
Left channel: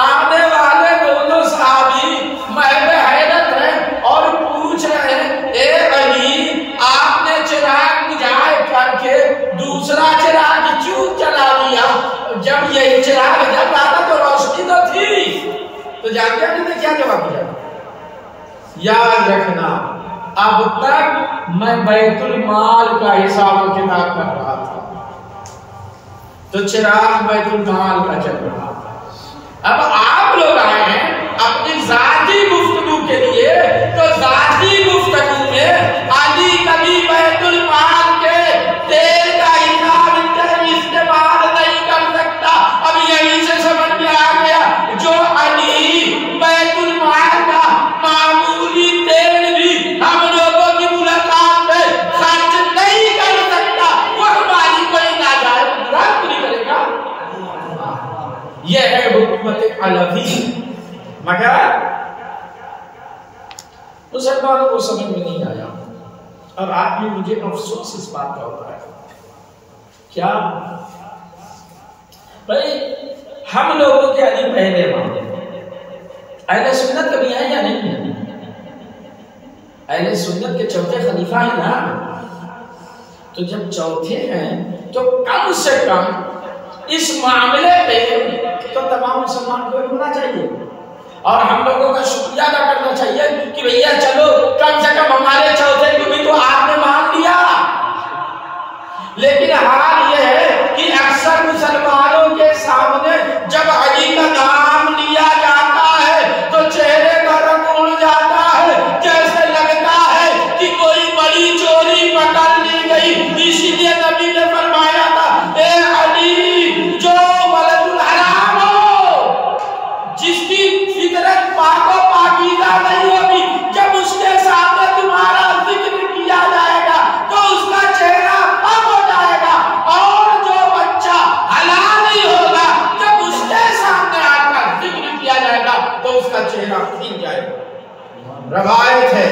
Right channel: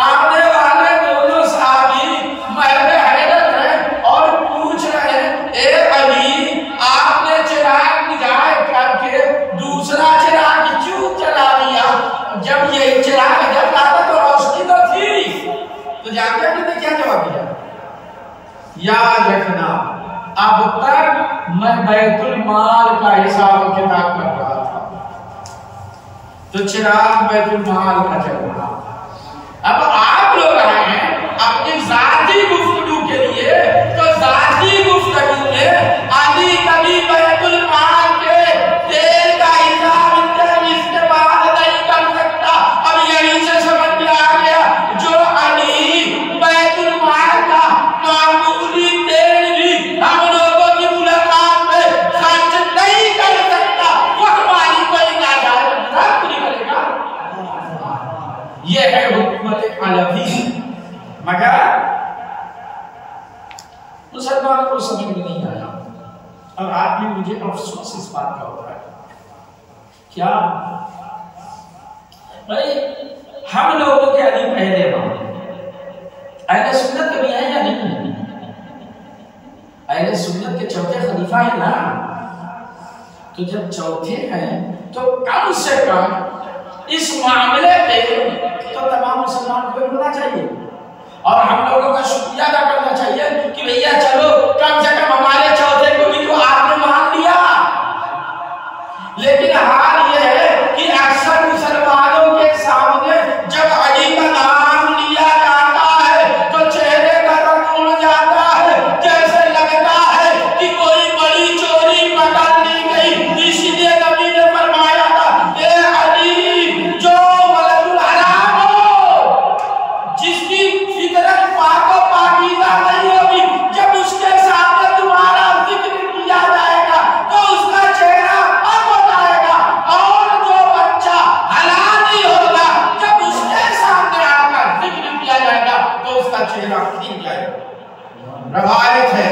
आमने वाले तो जानते हैं कि क्या जवाब दिया? याद रखना, अब तक मैं बैतुल माल का हिसाब किताब कर रहा था, तो चिराग बैतुल माल का चल रहा था। अब आप लोग आए हैं अपनी जाती गुफ्तगू के लिए, तो जाती गुफ्तगू में अली कभी बैतुल माल के तेल का हिसाब इस्तेमाल नहीं कर सकता। अब यहीं से समझ में आ गया, जो अली बैतुल माल का मामूली तेल भी हम लोगों की मुलाकात पे खर्च नहीं कर सकता, वो हमारी कोई नाजायज रद्द नहीं करेगा। यह है हुकूमत अलवी। मगर मुसलमानों को समझ में नहीं आया, और आज भी मुझे अफसोस इस बात का होता है। क्या भाई हम लोगों के अली पहले अहले सुन्नत कभी है या नहीं? अहले सुन्नत के चौथे खलीफा है ना, तो जब चौथे हैं तो कम से कम इस मामले पे तो तमाम मुसलमान को होना चाहिए, और हम लोगों का शुक्रिया अदा करना चाहिए कि भैया चलो कम से कम हमारे चौथे को भी तो आपने मान लिया। लेकिन हाल यह है कि अक्सर मुसलमानों के सामने जब अली का नाम लिया जाता है तो चेहरे का रंग उड़ जाता है, जैसे लगता है कि कोई बड़ी चोरी पकड़ ली गई। इसीलिए नबी ने फरमाया था, ए अली, जो वलदुल हराम हो, जिसकी फितरत पाको पाकीज़ा नहीं होगी, जब उसके सामने तुम्हारा जिक्र किया जाएगा तो उसका चेहरा अब हो जाएगा, और जो बच्चा हलाल नहीं होगा जब उसके सामने आकर जिक्र किया जाएगा तो उसका चेहरा खिल जाएगा। रवायत है,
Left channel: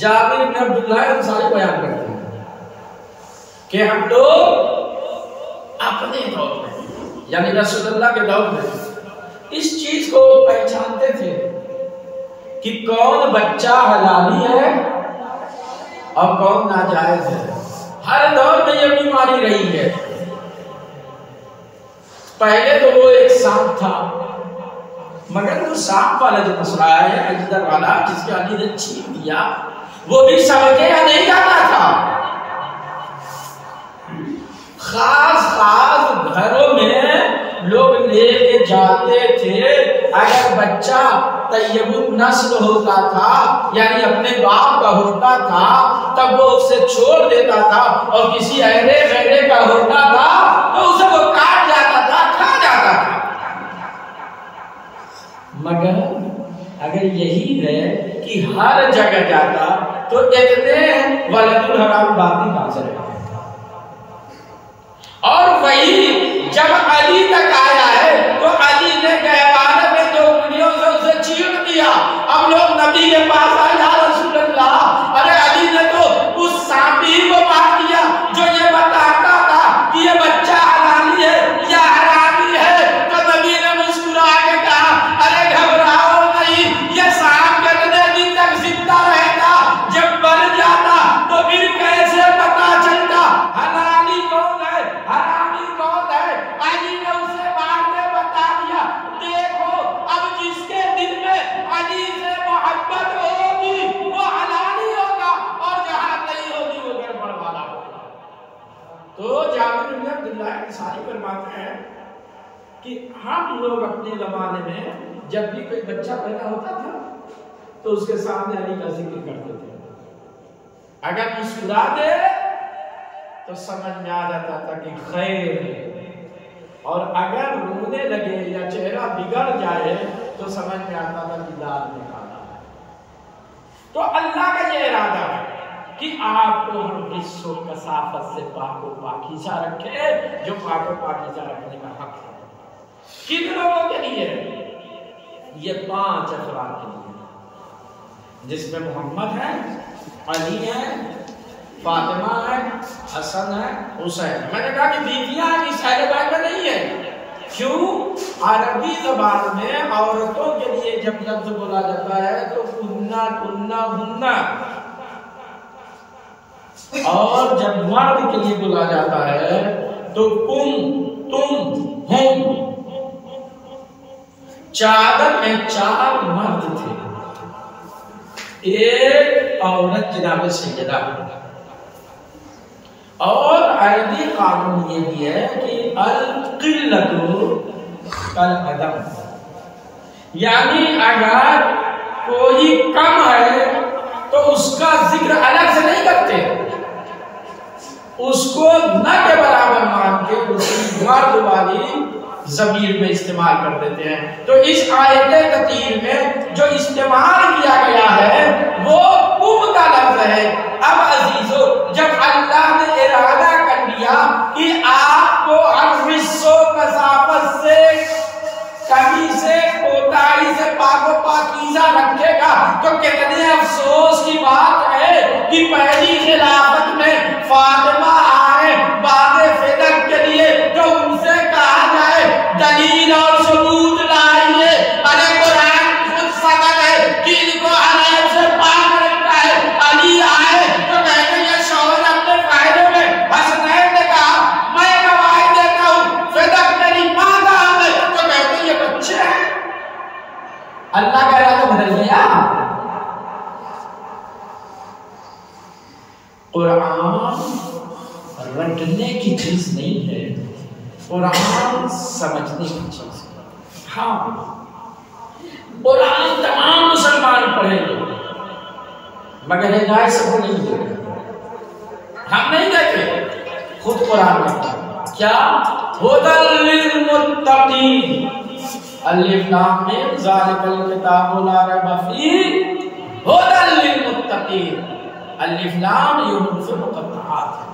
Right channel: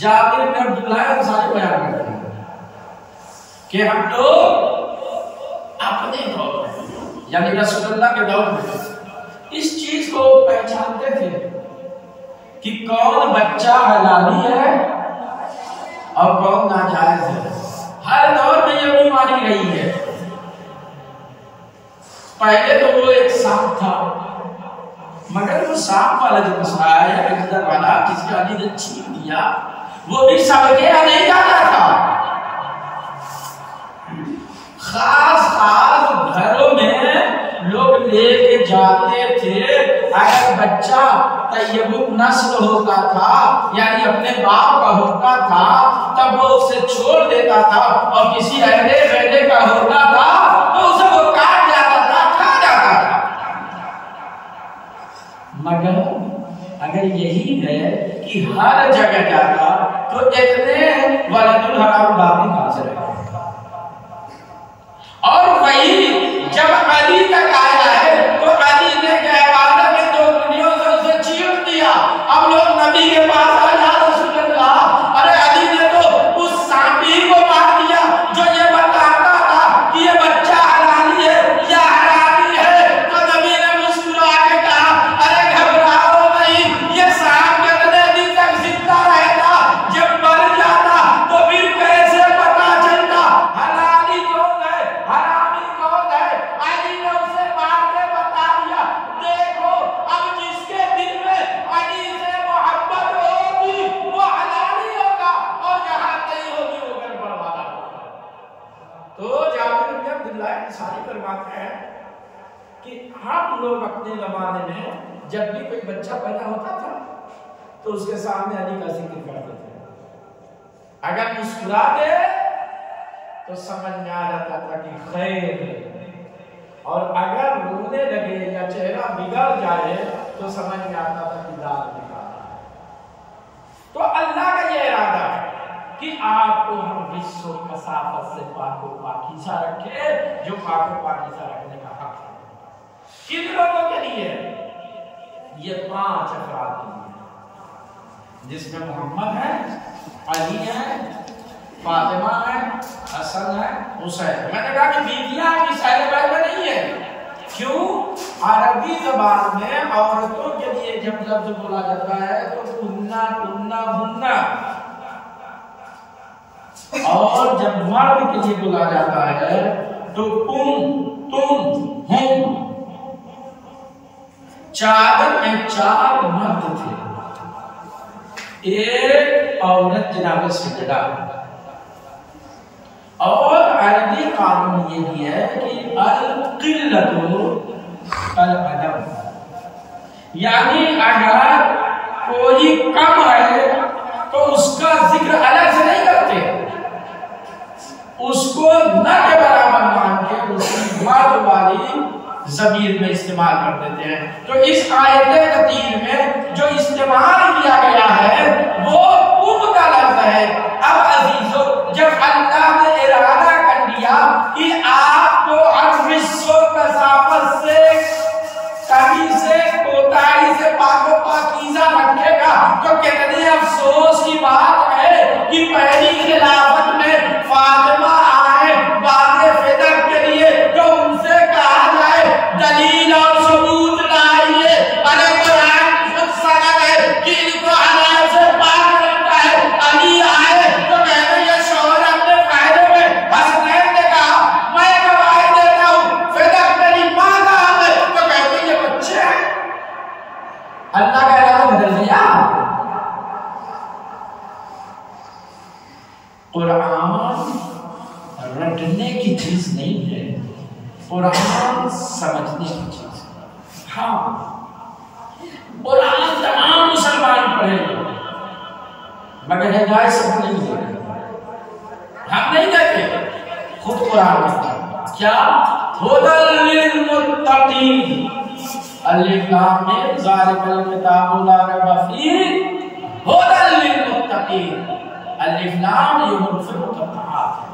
जाबिर बिन अब्दुल्लाह अंसारी बयान करते हैं कि हम लोग अपने दौर में, यानी रसूलुल्लाह के दौर में, इस चीज को पहचानते थे कि कौन बच्चा हलाली है और कौन नाजायज है। हर दौर में ये बीमारी रही है। पहले तो वो एक सांप था, मगर वो सांप वाला जो मसला है अजदर वाला, जिसके अली ने छीन दिया, वो भी सबके यहाँ नहीं जाता था। खास घरों में लोग लेके जाते थे। अगर बच्चा तय्यबुत नस्ल होता था, यानी अपने बाप का होता था, तब वो उसे छोड़ देता था, और किसी अहले बहले का होता था तो उसे वो काट जाता था, खा जाता था। मगर अगर यही है कि हर जगह जाता तो इतने वलदुल हराम बाकी हाजिर है। और वही जब अली तक आया है तो अली ने गहवाने में जो वीडियो से उसे चीर दिया। अब लोग नबी के पास आ जा रसूलुल्लाह, अरे अली ने तो उस सांपी को मार दिया जो ये बताता था कि ये बच्चा हलाली है या हरामी है। तो नबी ने मुस्कुरा के कहा, अरे घबराओ नहीं, ये सांप कितने दिन तक जिंदा रहेगा, जब मर जाता तो फिर कैसे पता चलता हलाली कौन है हरामी कौन है। अली ने उसे मार के बता दिया, देखो अब जिसके दिल में अली से मोहब्बत होगी वो हलाली होगा, और जहां नहीं होगी वो गड़बड़ वाला होगा। तो जाबिर बिन अब्दुल्लाह अंसारी फरमाते हैं कि हम लोग अपने जमाने में जब भी कोई बच्चा पैदा होता था तो उसके सामने अली का जिक्र करते थे। अगर मुस्कुरा दे तो समझ में आ जाता था कि खैर है, और अगर रोने लगे या चेहरा बिगड़ जाए तो समझ में आता था कि दाद निकाला है। तो अल्लाह का ये इरादा है कि आपको हम विश्व कसाफत से पाको पाकीज़ा रखे, जो पाको पाकीज़ा रखने का हक है। किन लोगों के लिए? ये 5 अफराद के लिए, जिसमें मोहम्मद है, अली है, फातिमा है, हसन है, हुसैन। मैंने कहा कि बीवियां इस अहले बैत में नहीं है। क्यों? अरबी जबान में औरतों के लिए जब लफ्ज बोला जाता है तो कुन्ना कुन्ना हुन्ना, और जब मर्द के लिए बोला जाता है तो कुम तुम हुम। चादर में 4 मर्द थे, एक औरत जनाब सैयदा। और अरबी कानून ये भी है कि अल-क़िल्लतु कल-अदम, यानी अगर कोई कम है तो उसका जिक्र अलग से नहीं करते, उसको न के बराबर मान के उसकी मर्द वाली ज़मीर में इस्तेमाल कर देते हैं। तो इस आयत कतीर में जो इस्तेमाल किया गया है वो कुम का लफ्ज़ है। अब अजीजों, जब अल्लाह ने इरादा कर लिया कि आपको अफ़्विस्सो कसाफत से, कमी से, कोताही से पाको पाकीज़ा रखेगा, तो कितने अफसोस की बात है कि पहली खिलाफत में फातिमा आए बादे फिदक के लिए, तो उनसे कहा जाए दलील और सबूत लाइए। अगर कुरान खुद सनद है कि इनको अरब से पाक रखता है, अली आए तो कहते हैं शौहर अपने फायदे में, हसनैन ने कहा मैं गवाही देता हूँ फिदक मेरी माँ का है, तो कहते हैं ये बच्चे हैं। अल्लाह का इरादा बदल दिया। कुरान रटने की चीज नहीं है, कुरान समझने की चीज है। हाँ, कुरान तमाम मुसलमान पढ़ेंगे मगर हिदायत से नहीं देंगे। हम नहीं देते, खुद कुरान कहता है क्या, हुदल लिल मुत्तकीन, अलिफ लाम मीम ज़ालिकल किताबु ला रैब फीह हुदल लिल मुत्तकीन। अलिफ लाम ये हुरूफ मुक़त्तआत है।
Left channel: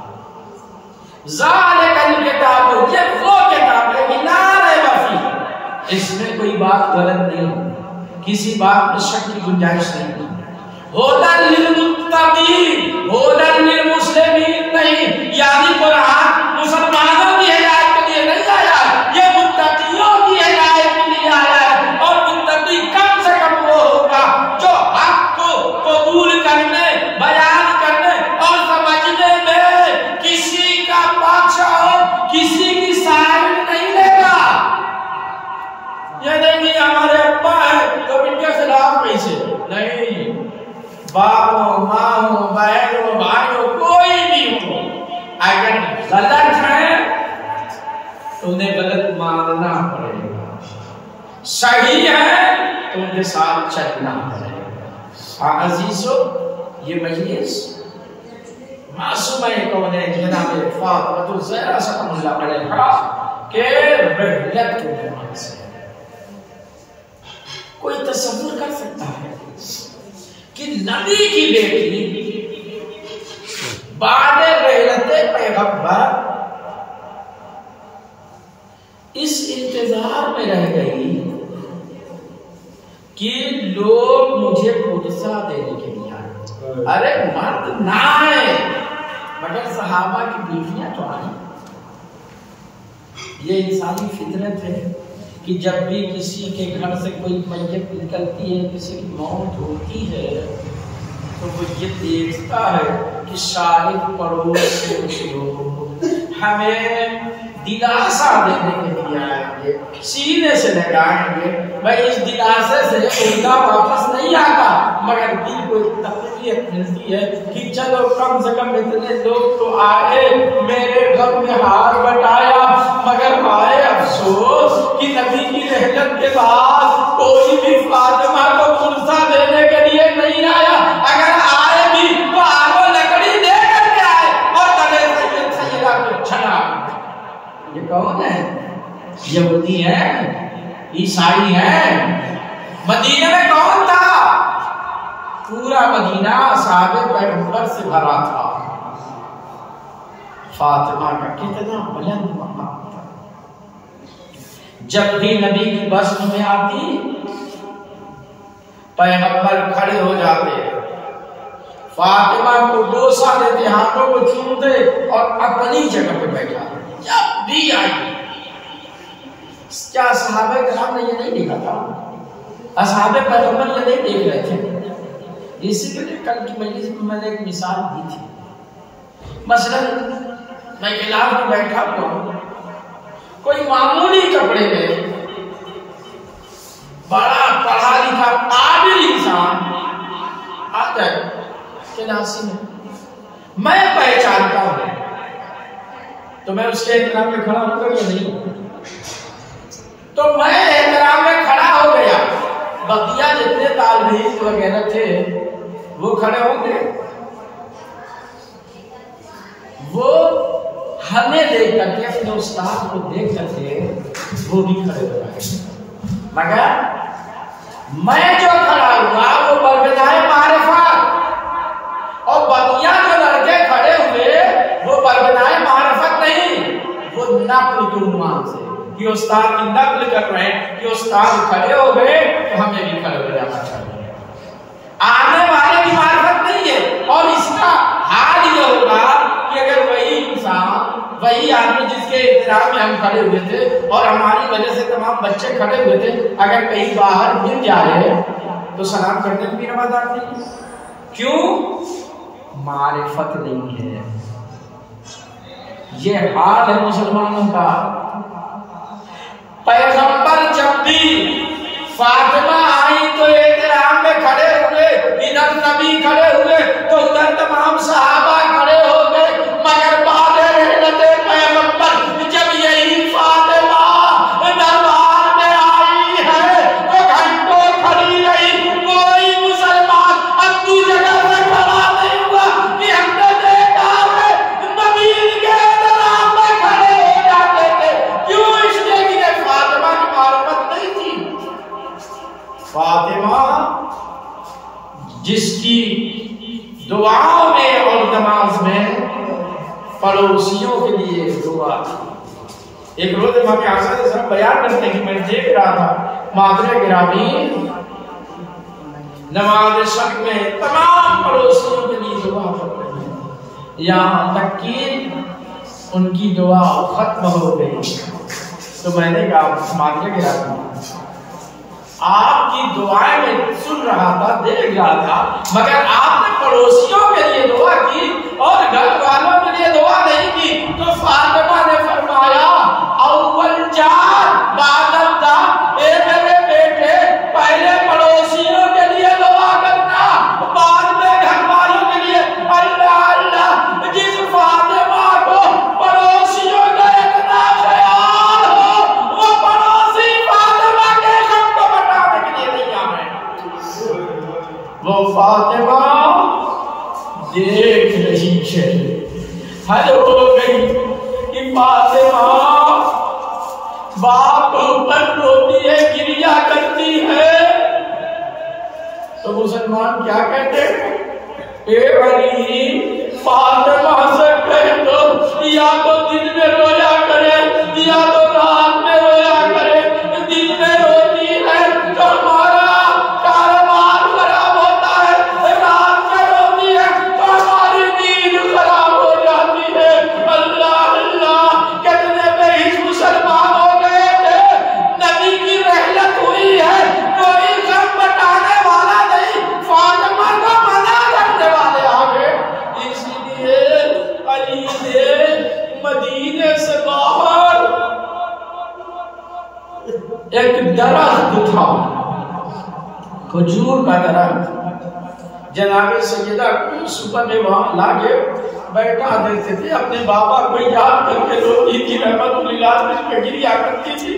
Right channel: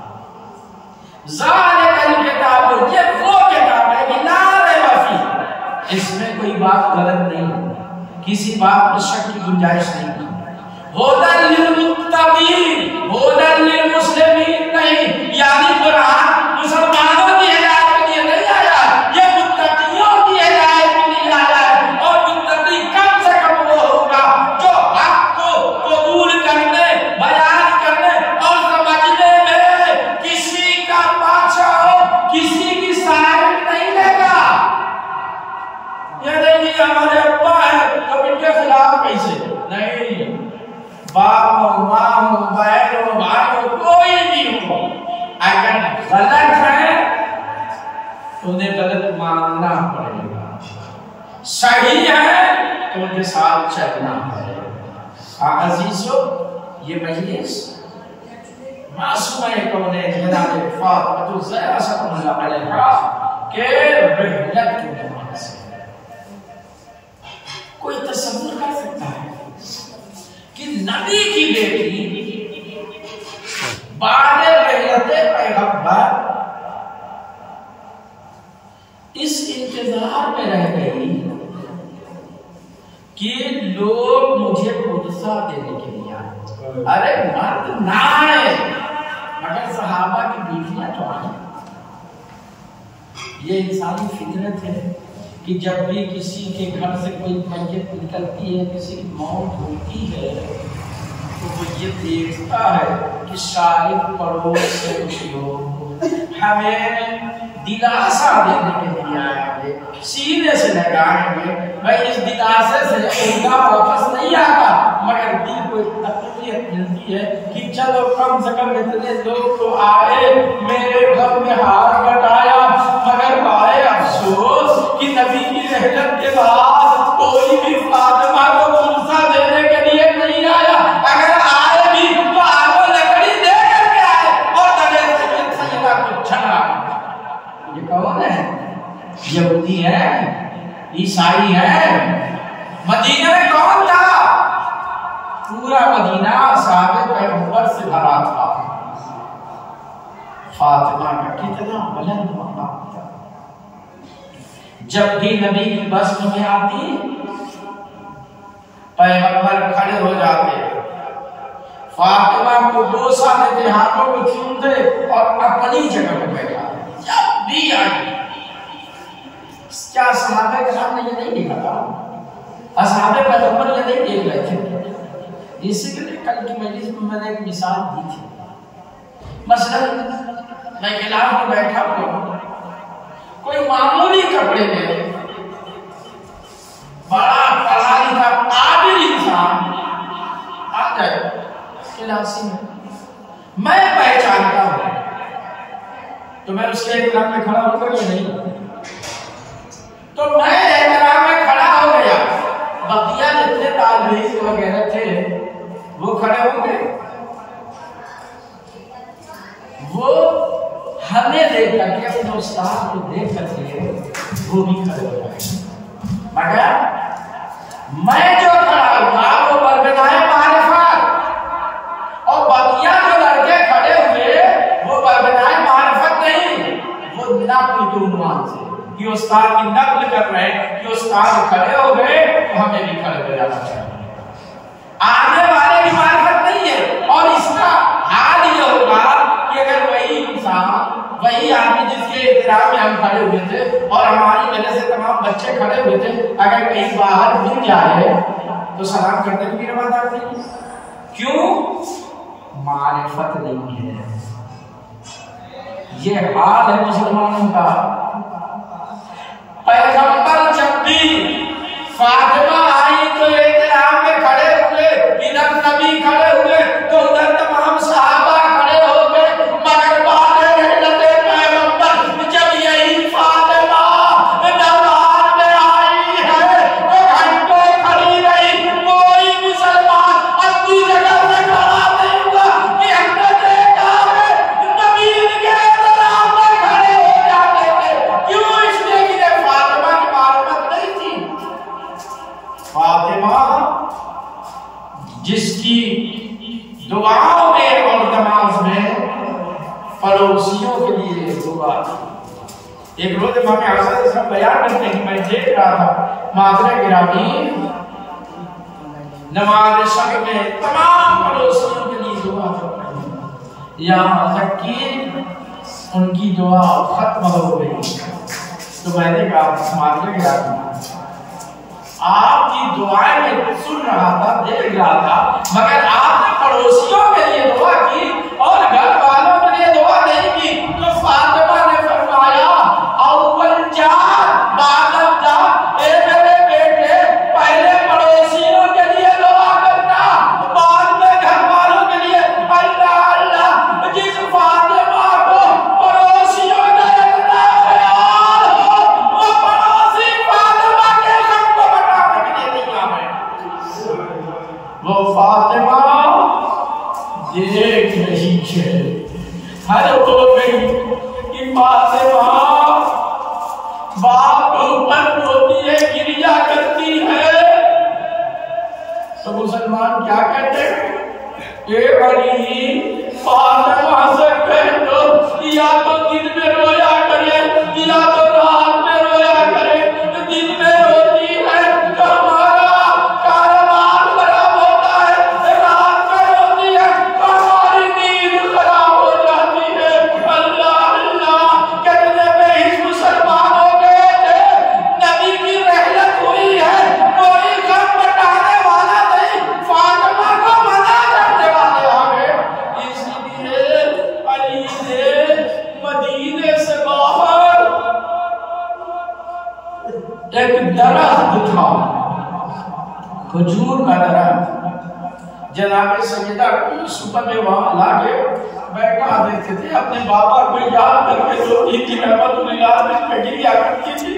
ज़ालिकल किताबु, ये वो किताब है कि ला रैब फीह, इसमें कोई बात गलत नहीं, किसी बात में शक की गुंजाइश नहीं। हुदल लिल मुत्तकीन, हुदल लिल मुस्लिमीन नहीं, यानी कुरान मुसलमानों की हिदायत के लिए नहीं आया, ये मुत्तकियों की हिदायत के लिए आया है। और मुत्तकी कम से कम वो होगा जो हक को कबूल करने, बयान करने और समझने में किसी का पक्ष और किसी की साइड नहीं लेगा। ये नहीं हमारे अब्बा है तो इनके खिलाफ कैसे नहीं, बाप हो, माँ हो, बहन हो, भाई हो, कोई भी हो, अगर गलत है तो उन्हें गलत मानना पड़ेगा, सही है तो उनके साथ चलना पड़ेगा। अजीजों, ये मजलिस मासूम है तो उन्हें जनाब फातिमा ज़हरा सल्लल्लाहु अलैहि वसल्लम के रहमत के दिमाग से कोई तसव्वुर कर सकता है कि नबी की बेटी बादे रहलते पैगंबर इस इंतजार में रह गई कि लोग मुझे पुदसा देने के लिए आए। अरे मर्द ना है मगर सहाबा की बीवियां तो आई। ये इंसानी फितरत है कि जब भी किसी के घर से कोई मैयत निकलती है, किसी की मौत होती है, तो वो ये देखता है कि शाहिद पड़ोस से लोग हमें दिलासा देने के लिए आया है, सीने से लगाएंगे। मैं इस दिलासे से उनका वापस नहीं आता, मगर दिल को एक तकलीफ मिलती है कि चलो कम से कम इतने लोग तो आए, मेरे घर में हार बटाया। मगर भाई अफसोस कि नबी की रहमत के बाद कोई भी फातिमा को पुदसा देने के लिए नहीं आया। अगर आए भी तो आगो लकड़ी दे करके आए और तले सैयदा को छड़ा। ये कौन है? यहूदी है, ईसाई है। मदीने में कौन था? पूरा मदीना साहबे पैगंबर से भरा था। फातिमा का कितना बुलंद मकाम था। जब भी नबी की बस में आती, पैगंबर खड़े हो जाते, फातिमा को डोसा देते, हाथों को चूमते और अपनी जगह पर बैठा। जब भी आई, क्या सहाबे कराम ने ये नहीं देखा था? असहाबे पैगंबर ये नहीं देख रहे थे। इसीलिए कल की मजलिस में मैंने एक मिसाल दी थी। मसलन मैं गिलाफ में बैठा हुआ, कोई मामूली कपड़े में बड़ा पढ़ा लिखा काबिल इंसान आ जाए क्लासी में, मैं पहचानता हूं तो मैं उसके एहतराम में खड़ा होगा या नहीं? तो मैं एहतराम में खड़ा हो गया, बकिया जितने तालबीन वगैरह थे वो खड़े होंगे, वो हमें देख करके अपने उस्ताद को देख करके वो भी खड़े हो गए। मगर मैं जो खड़ा हुआ वो बरबदाए मारिफत, और बकिया जो लड़के खड़े हुए वो बरबदाए मारिफत नहीं, वो नक्ल के उन्वान से कि उस्ताद की नक्ल कर रहे हैं कि उस्ताद खड़े हो गए तो हमें भी खड़े हो जाना चाहिए। आने वाले की मारिफत नहीं है। और इसका हाल ये होगा कि अगर वही इंसान, वही आदमी जिसके एहतराम में हम खड़े हुए थे और हमारी वजह से तमाम बच्चे खड़े हुए थे, अगर कहीं बाहर मिल जाए तो सलाम करने की भी रवादार नहीं। क्यों? मारिफत नहीं है। ये हाल है मुसलमानों का। पैगंबर जब भी फातिमा आई तो एहतराम में खड़े हुए, इधर नबी खड़े हुए तो उधर तमाम सहाबा खड़े हो गए। मगर बाद पैगंबर जब यही फातिमा दरबार में आई है तो घंटों खड़ी रही, कोई मुसलमान अपनी जगह से खड़ा नहीं हुआ कि हमने देखा है नबी के एहतराम में खड़े हो जाते थे। क्यों? इसलिए कि फातिमा की मारिफत नहीं थी। फातिमा जिसकी दुआओं में और नमाज में पड़ोसियों के लिए दुआ। एक रोज इमाम आज़म सब बयान करते हैं कि मैं देख रहा था मादरे गिरामी नमाज शब में तमाम पड़ोसियों के लिए दुआ कर रहे हैं, यहाँ तक कि उनकी दुआ खत्म हो गई। तो मैंने कहा मादरे गिरामी आपकी दुआएं मैं सुन रहा था, देख रहा था, मगर आपने पड़ोसियों के लिए दुआ की और घर वालों के लिए दुआ नहीं की। तो फातिमा ने फरमाया अव्वल जान बादल दा, ए मेरे बेटे पहले पड़ोसियों के लिए दुआ करना, बाद में घर वालों के लिए। अल्लाह अल्लाह, जिस फातिमा को पड़ोसियों का इतना ख्याल हो वो पड़ोसी फातिमा के गम को बताने के लिए नहीं आ रहे। वो फातिमा देख रही है, हर हो गई कि फातिमा बाप ऊपर रोती है, गिरिया करती है। तो मुसलमान क्या कहते हैं? ए अली फातिमा से कह दो या तो दिन में रोया करे या तो रात में रोया करे। दिन में रोती है तो हमारा कारोबार खराब होता है, रात में रोती है तो हमारी नींद खराब हो जाती है। अल्लाह अल्लाह, कितने बेहिस मुसलमान हो गए थे। नबी की रहलत हुई है, कोई गम बताने वाला नहीं, फातिमा को मना करने वाले आ गए। इसलिए अली ने मदीने से बाहर एक दरख्त था, खजूर का दरख्त, जनाबे सैयदा को सुबह में वहां लाके बैठा देते थे। अपने बाबा को याद करके रोटी की रहमत में गिरिया करती थी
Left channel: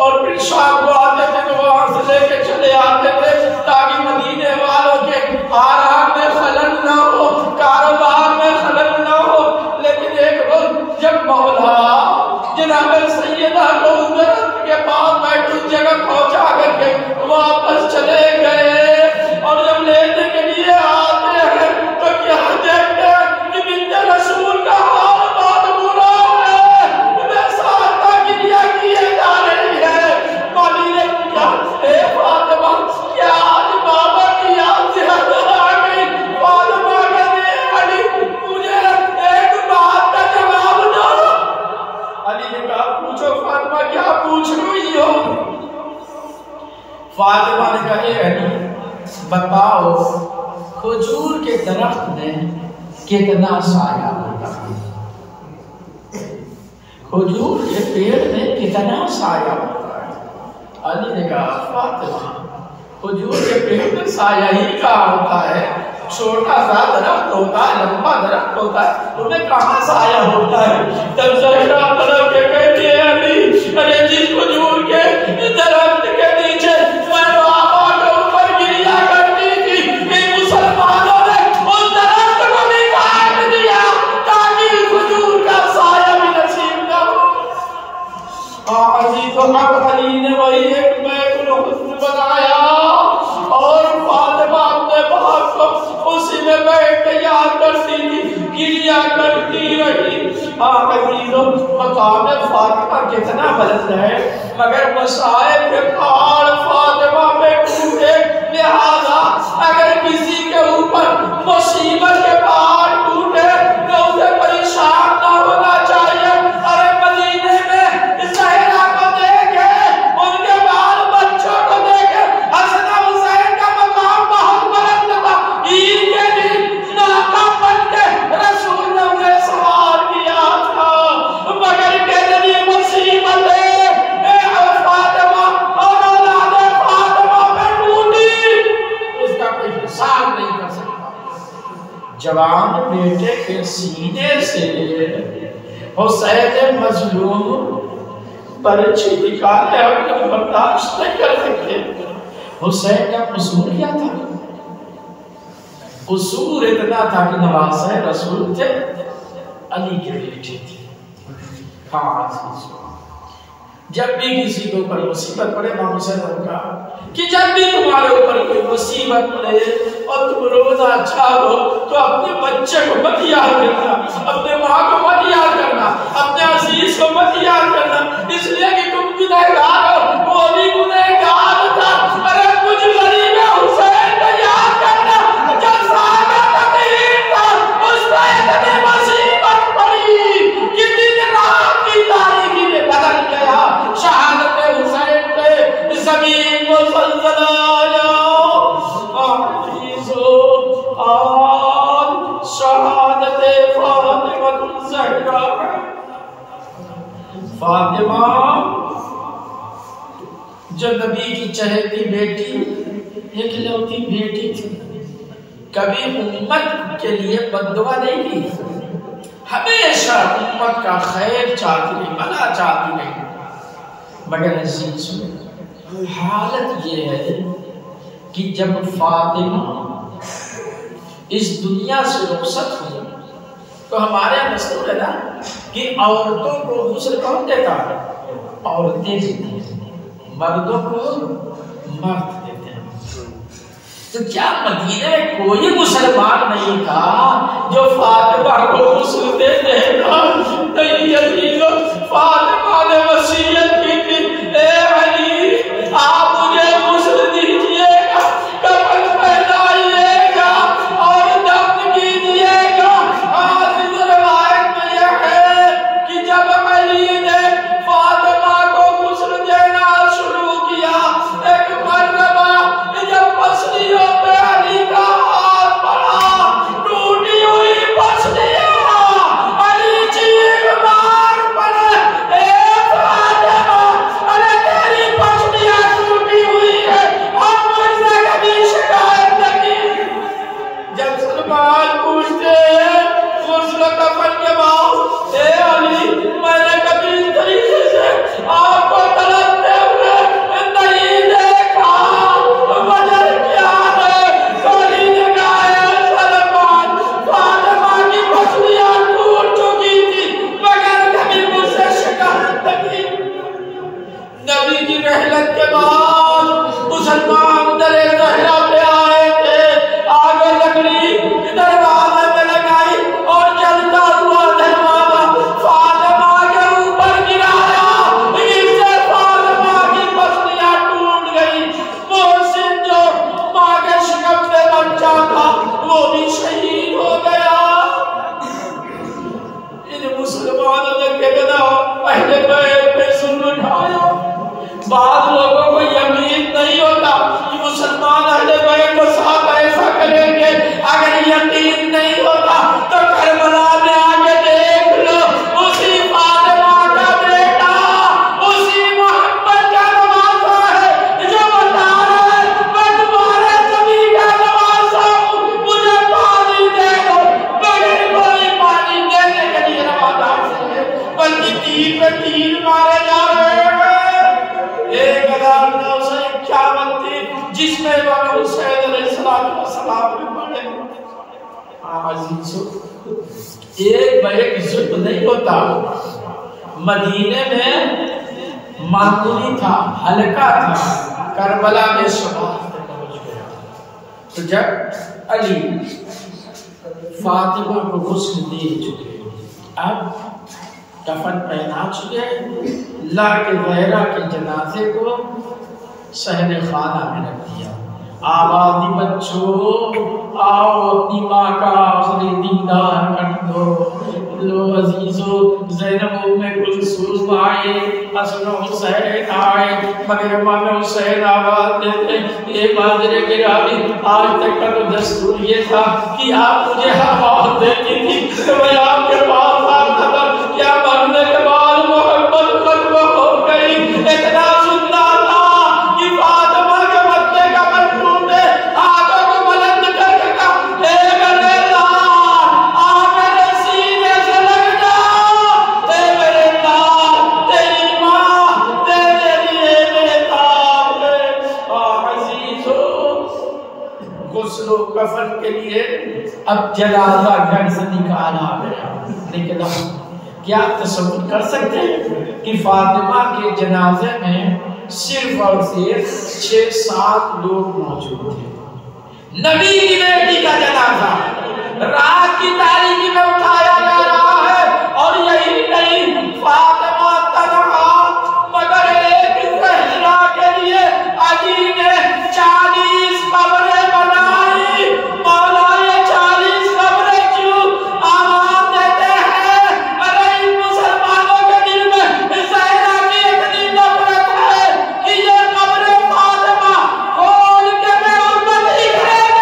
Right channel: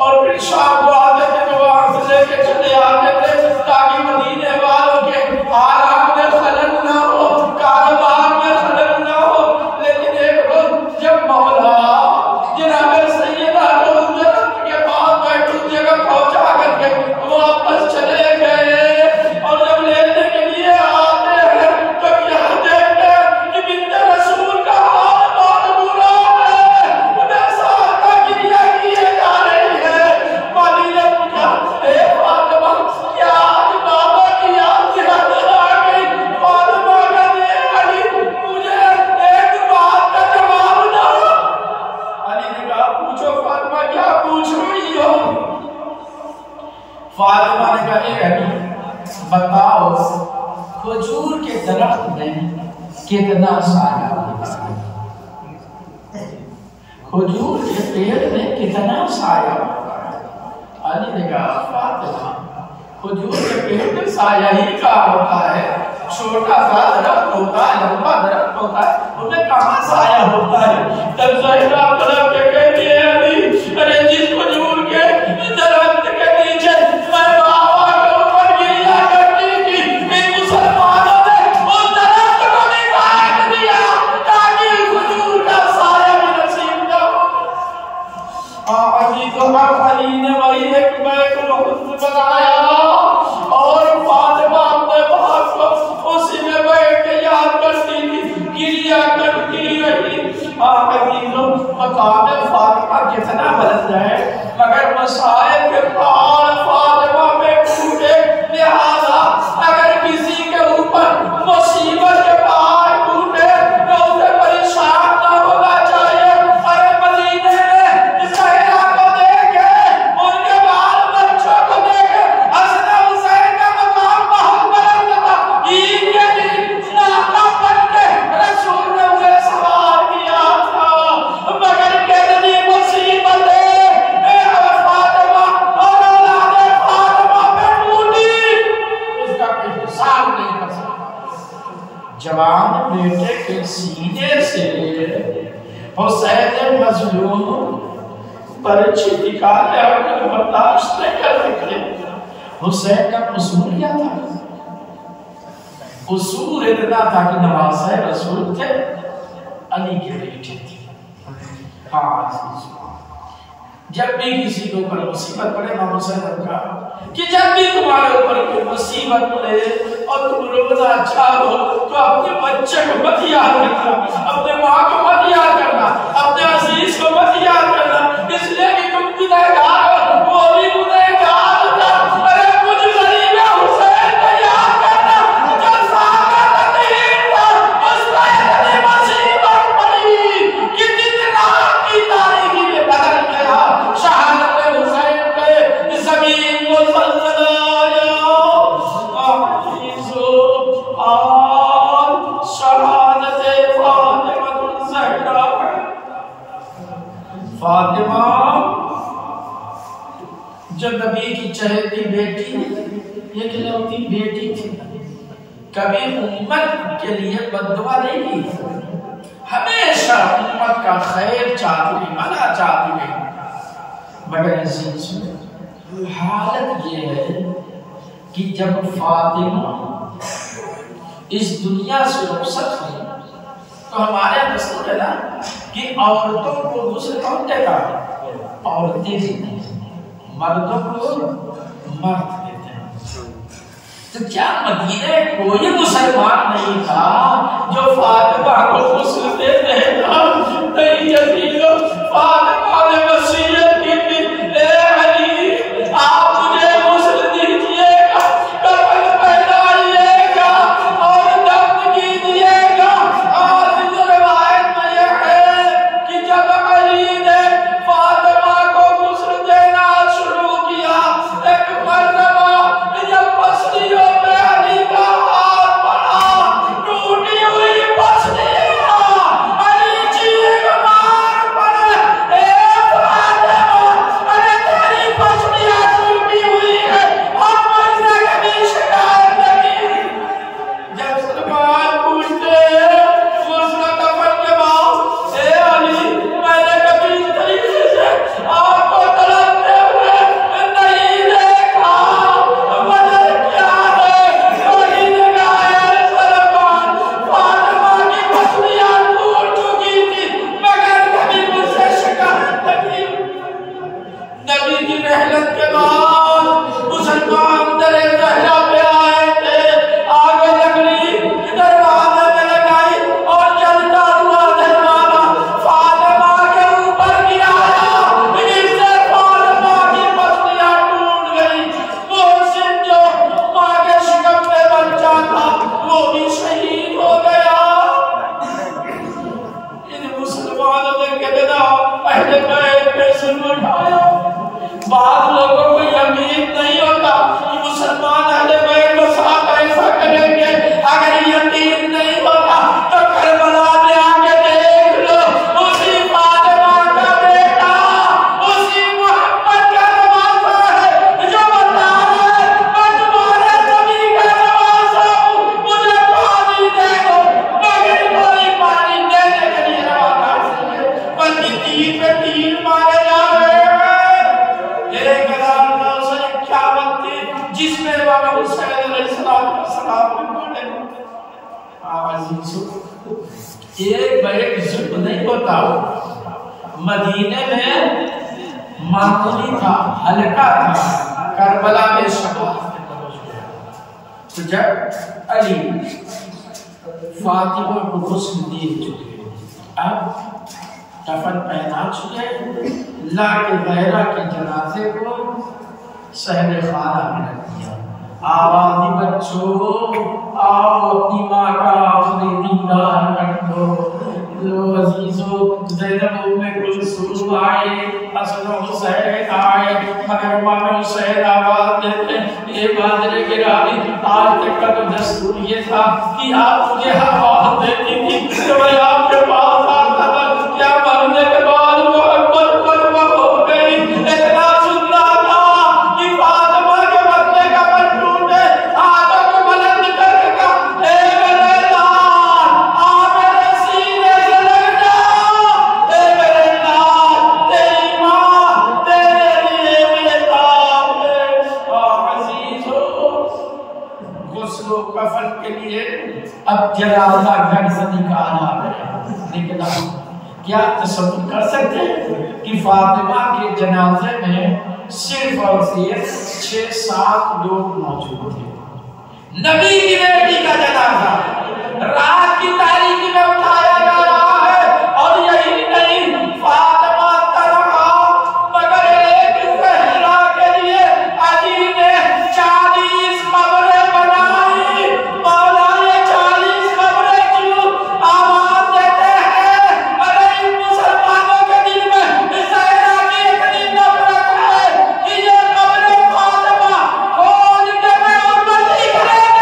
और फिर शाम को आते थे तो वहां से लेके चले आते थे ताकि मदीने वालों के आराम में खलल ना हो, कारोबार में खलल ना हो। लेकिन एक रोज जब मौला जनाबे सैयदा को उधर के पास बैठी जगह पहुंचा करके वापस चले गए और जब लेने के लिए आते हैं तो क्या देखते हैं कि बिन्ते रसूल का हाल बहुत बुरा है, बेसारता गिरिया किए जा रही है। माली ने पूछा, ए फातिमा क्या आज बाबा की याद से अंदर आ गई? फातिमा का देख अली मुझे एक बात का जवाब दो। अली ने कहा पूछो फातिमा, क्या पूछ रही हो? फातिमा ने कहा अली बताओ खजूर के दरख्त में कितना साया होता है? खजूर के पेड़ में कितना साया होता है? अली ने कहा फातिमा, हुजूर के पेट में साया ही काम होता है, छोटा सा दरख्त होता है, लंबा दरख्त होता है, उन्हें कहाँ साया होता है। तब ज़हरा पलट के कहती है अली, अरे जिस हुजूर के दरख्त के नीचे मैं बाबा के ऊपर गिरिया करती थी, इन मुसलमानों ने उस दरख्त को भी काट दिया ताकि हुजूर का साया भी नसीब न हो। अली को अब अली ने वही एक बैत बनाया और फातिमा अपने बाप को उसी में बैठ के याद करती थी, गिरिया करती रही। मकाम फातिमा कितना बुलंद है, मगर मसाइब के पार फातिमा पे टूटे, लिहाजा अगर किसी के ऊपर मुसीबत के पार टूटे तो उसे परेशान ना होना चाहिए। अरे मदीने में ज़हरा को देखे, उनके बाल बच्चों को देखे, हसन हुसैन का मकाम बहुत बुलंद था। ईद के दिन नाका बन के रसूल ने उन्हें सवार किया था, मगर कितनी मुसीबत फातिमा और औलाद फातिमा पे टूटी, उसका कोई हिसाब नहीं कर सकता। जवान बेटे के सीने से हुसैन मजलूम पर्ची निकाले और बर्दाश्त नहीं कर सकते। हुसैन का कसूर क्या था? कसूर इतना था कि नवाज़े रसूल थे, अली के बेटे थे। हाँ, जब भी किसी के ऊपर मुसीबत पड़े ना हुसैन ने कहा कि जब भी तुम्हारे ऊपर कोई मुसीबत पड़े और तुम रोना चाहो तो अपने बच्चे को मत याद करना, अपने माँ को मत याद करना, अपने अजीज को मत याद करना, इसलिए कि तुम गुनहगार हो, वो भी गुनहगार था। अरे कुछ गरीब हुसैन को याद करना, जो सादा तकलीफ था, उस पर इतनी मुसीबत पड़ी कि दिन रात की तारीकी में बदल गया। शहादत हुसैन पे ज़मीन को ज़लज़ला आया। शहादत फातिमा ज़हरा, फातिमा जो नबी की चहेती बेटी, इकलौती बेटी थी, कभी उम्मत के लिए बद्दुआ नहीं की, हमेशा उम्मत का खैर चाहती रही, भला चाहती रही। मगर हालत ये है कि जब फातिमा इस दुनिया से रुखसत हुई तो हमारे दस्तूर है ना कि औरतों को गुस्ल कौन देता है? औरतें देती हैं, मर्दों को मर्द देते हैं। तो क्या मदीने में कोई मुसलमान नहीं था जो फातिमा को गुस्ल दे देगा? नहीं अजीजों, फातिमा ने वसीयत की थी, ए अली आप मुझे गुस्ल दीजिएगा, कफन पहनाइएगा और दफन कीजिएगा। आज इस रिवायत में यह है कि जब अली ने फातिमा को गुस्ल देना शुरू किया, एक मरतबा जब पसलियों पे अली का हाथ पड़ा, टूटी हुई पसलियां, अली चीख मार पड़े, ए फातिमा, अरे तेरी पसलियां टूटी हुई है, हम मुझसे कभी शिकायत नहीं। जब सलमान पूछते हैं गुस्ल कफन के बाद, ए अली मैंने कभी इस तरीके से आपको तड़पते हुए नहीं देखा, वजह क्या है? अली ने कहा सलमान, फातिमा की पसलियां टूट चुकी थी, मगर कभी मुझसे शिकायत नहीं। नबी की रहलत के बाद मुसलमान दरे ज़हरा पे आए थे, आगे लकड़ी दरवाजे में लगाई और जलता हुआ दरवाजा फातिमा के ऊपर गिराया, इससे फातिमा की पसलियां टूट गई। मोहसिन जो माँ के शिकम में बच्चा था वो भी शहीद हो गया। इन मुसलमानों ने कहना पहले पैर पे सुन उठाया। बाद लोगों को यकीन नहीं होता कि मुसलमान अहले बैत को साथ ऐसा करेंगे। अगर यकीन नहीं होता तो करबला में आके देख लो, उसी फातिमा का बेटा, उसी मोहम्मद का नवासा है। अलैहिस्सलाम में पढ़े। एक बड़े जुल्म नहीं होता, मदीने में मामूली था, हल्का था, करबला में शहादत तो जब अली फातिमा को गुस्ल दे चुके, अब कफन पहना चुके, लाके गैरा के जनाजे को सहने खाना में रख दिया। आवाज़ बच्चों आओ अपनी माँ का आखिरी दीदार कर दो। लो अजीजों, ज़ैनब उम्मे कुलसूम आए, हसन हुसैन आए, मगर मन हुसैन आवाज़ देते ये माजरे गिरामी। आज तक का तो दस्तूर ये था कि आप मुझे आवाज़ देती थी तो मैं आपके पास आता था, क्या मरने के बाद मोहब्बत खुतबा हो गई। इतना सुनना था कि फातिमा के बच्चे का मन टूटे, हाथों को बुलंद करके कहा, ए मेरे लाल, आ मेरे सीने से लग जा। ए मेरे लाल, तेरी माँ तेरे लिए बेताब है। अजीजों, गुस्ल कफन के लिए अब जनाजा घर से निकाला गया, लेकिन अब क्या तसव्वुर कर सकते हैं कि फातिमा के जनाजे में सिर्फ और सिर्फ 6-7 लोग मौजूद थे। नबी की बेटी का जनाजा रात की तारीकी में उठाया जा रहा है, और यही नहीं, फातिमा तनहा मगर एक सहरा के लिए अली ने 40 कब्रें बनाई। मौला ये 40 कब्रें क्यों? आवाज देते हैं, अरे इन मुसलमानों के दिल में सहरा की इतनी नफरत है कि ये कब्रें फातिमा खोल के मैं उम्मत ही करेंगे।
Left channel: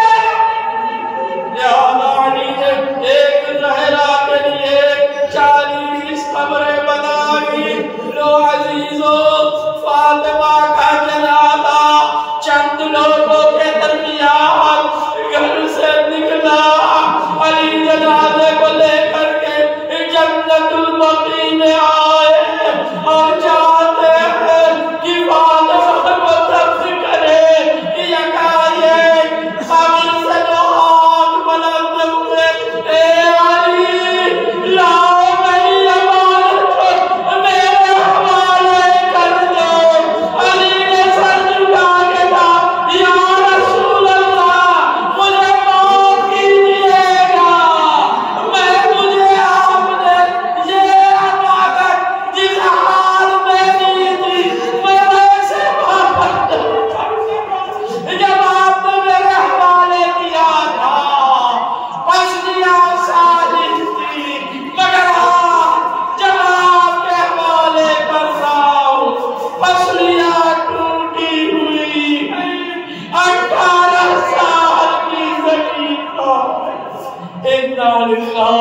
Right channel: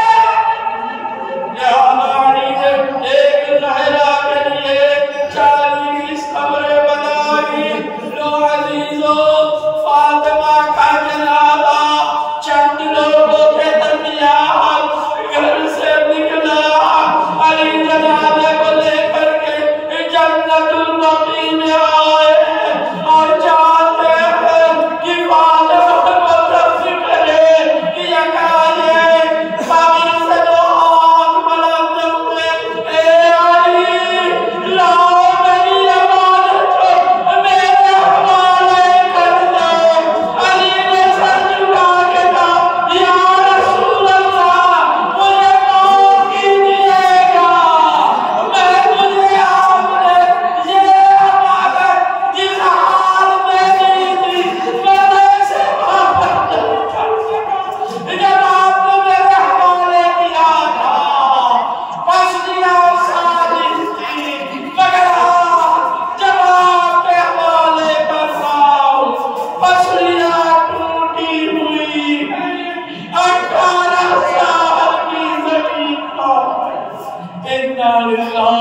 एक सहरा के लिए 40 कब्रें बनाई। लो अजीजों, फातिमा का जनाजा चंद लोगों के दरमियान घर से निकला। अली जनाजे को लेकर के जन्नतुल बकी में आए और चाहते हैं कि फातिमा को तस्लीम करे कि यकायक काबिल से जो हाथ बुलंद हुए, ए अली लाओ मेरी अमानत मेरे हवाले कर दो। अली ने सर झुका के कहा, या रसूल अल्लाह, मुझे मौत कीजिएगा। मुझे आपने ये अमानत जिस हाल में दी थी मैं वैसे वापस जब आपने मेरे हवाले किया था, पसलियां साजिद थी, मगर जब आपके हवाले कर रहा हूं पसलियां टूटी हुई है। 18 साल की जमीन पर इन्ना लिल्लाह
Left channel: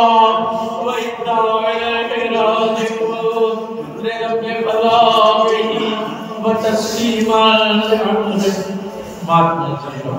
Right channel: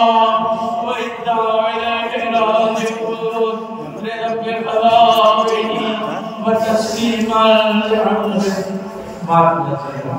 व इन्ना इलैहि राजिऊन। रब्बे फलाही व तस्लीमान। माफ कीजिएगा।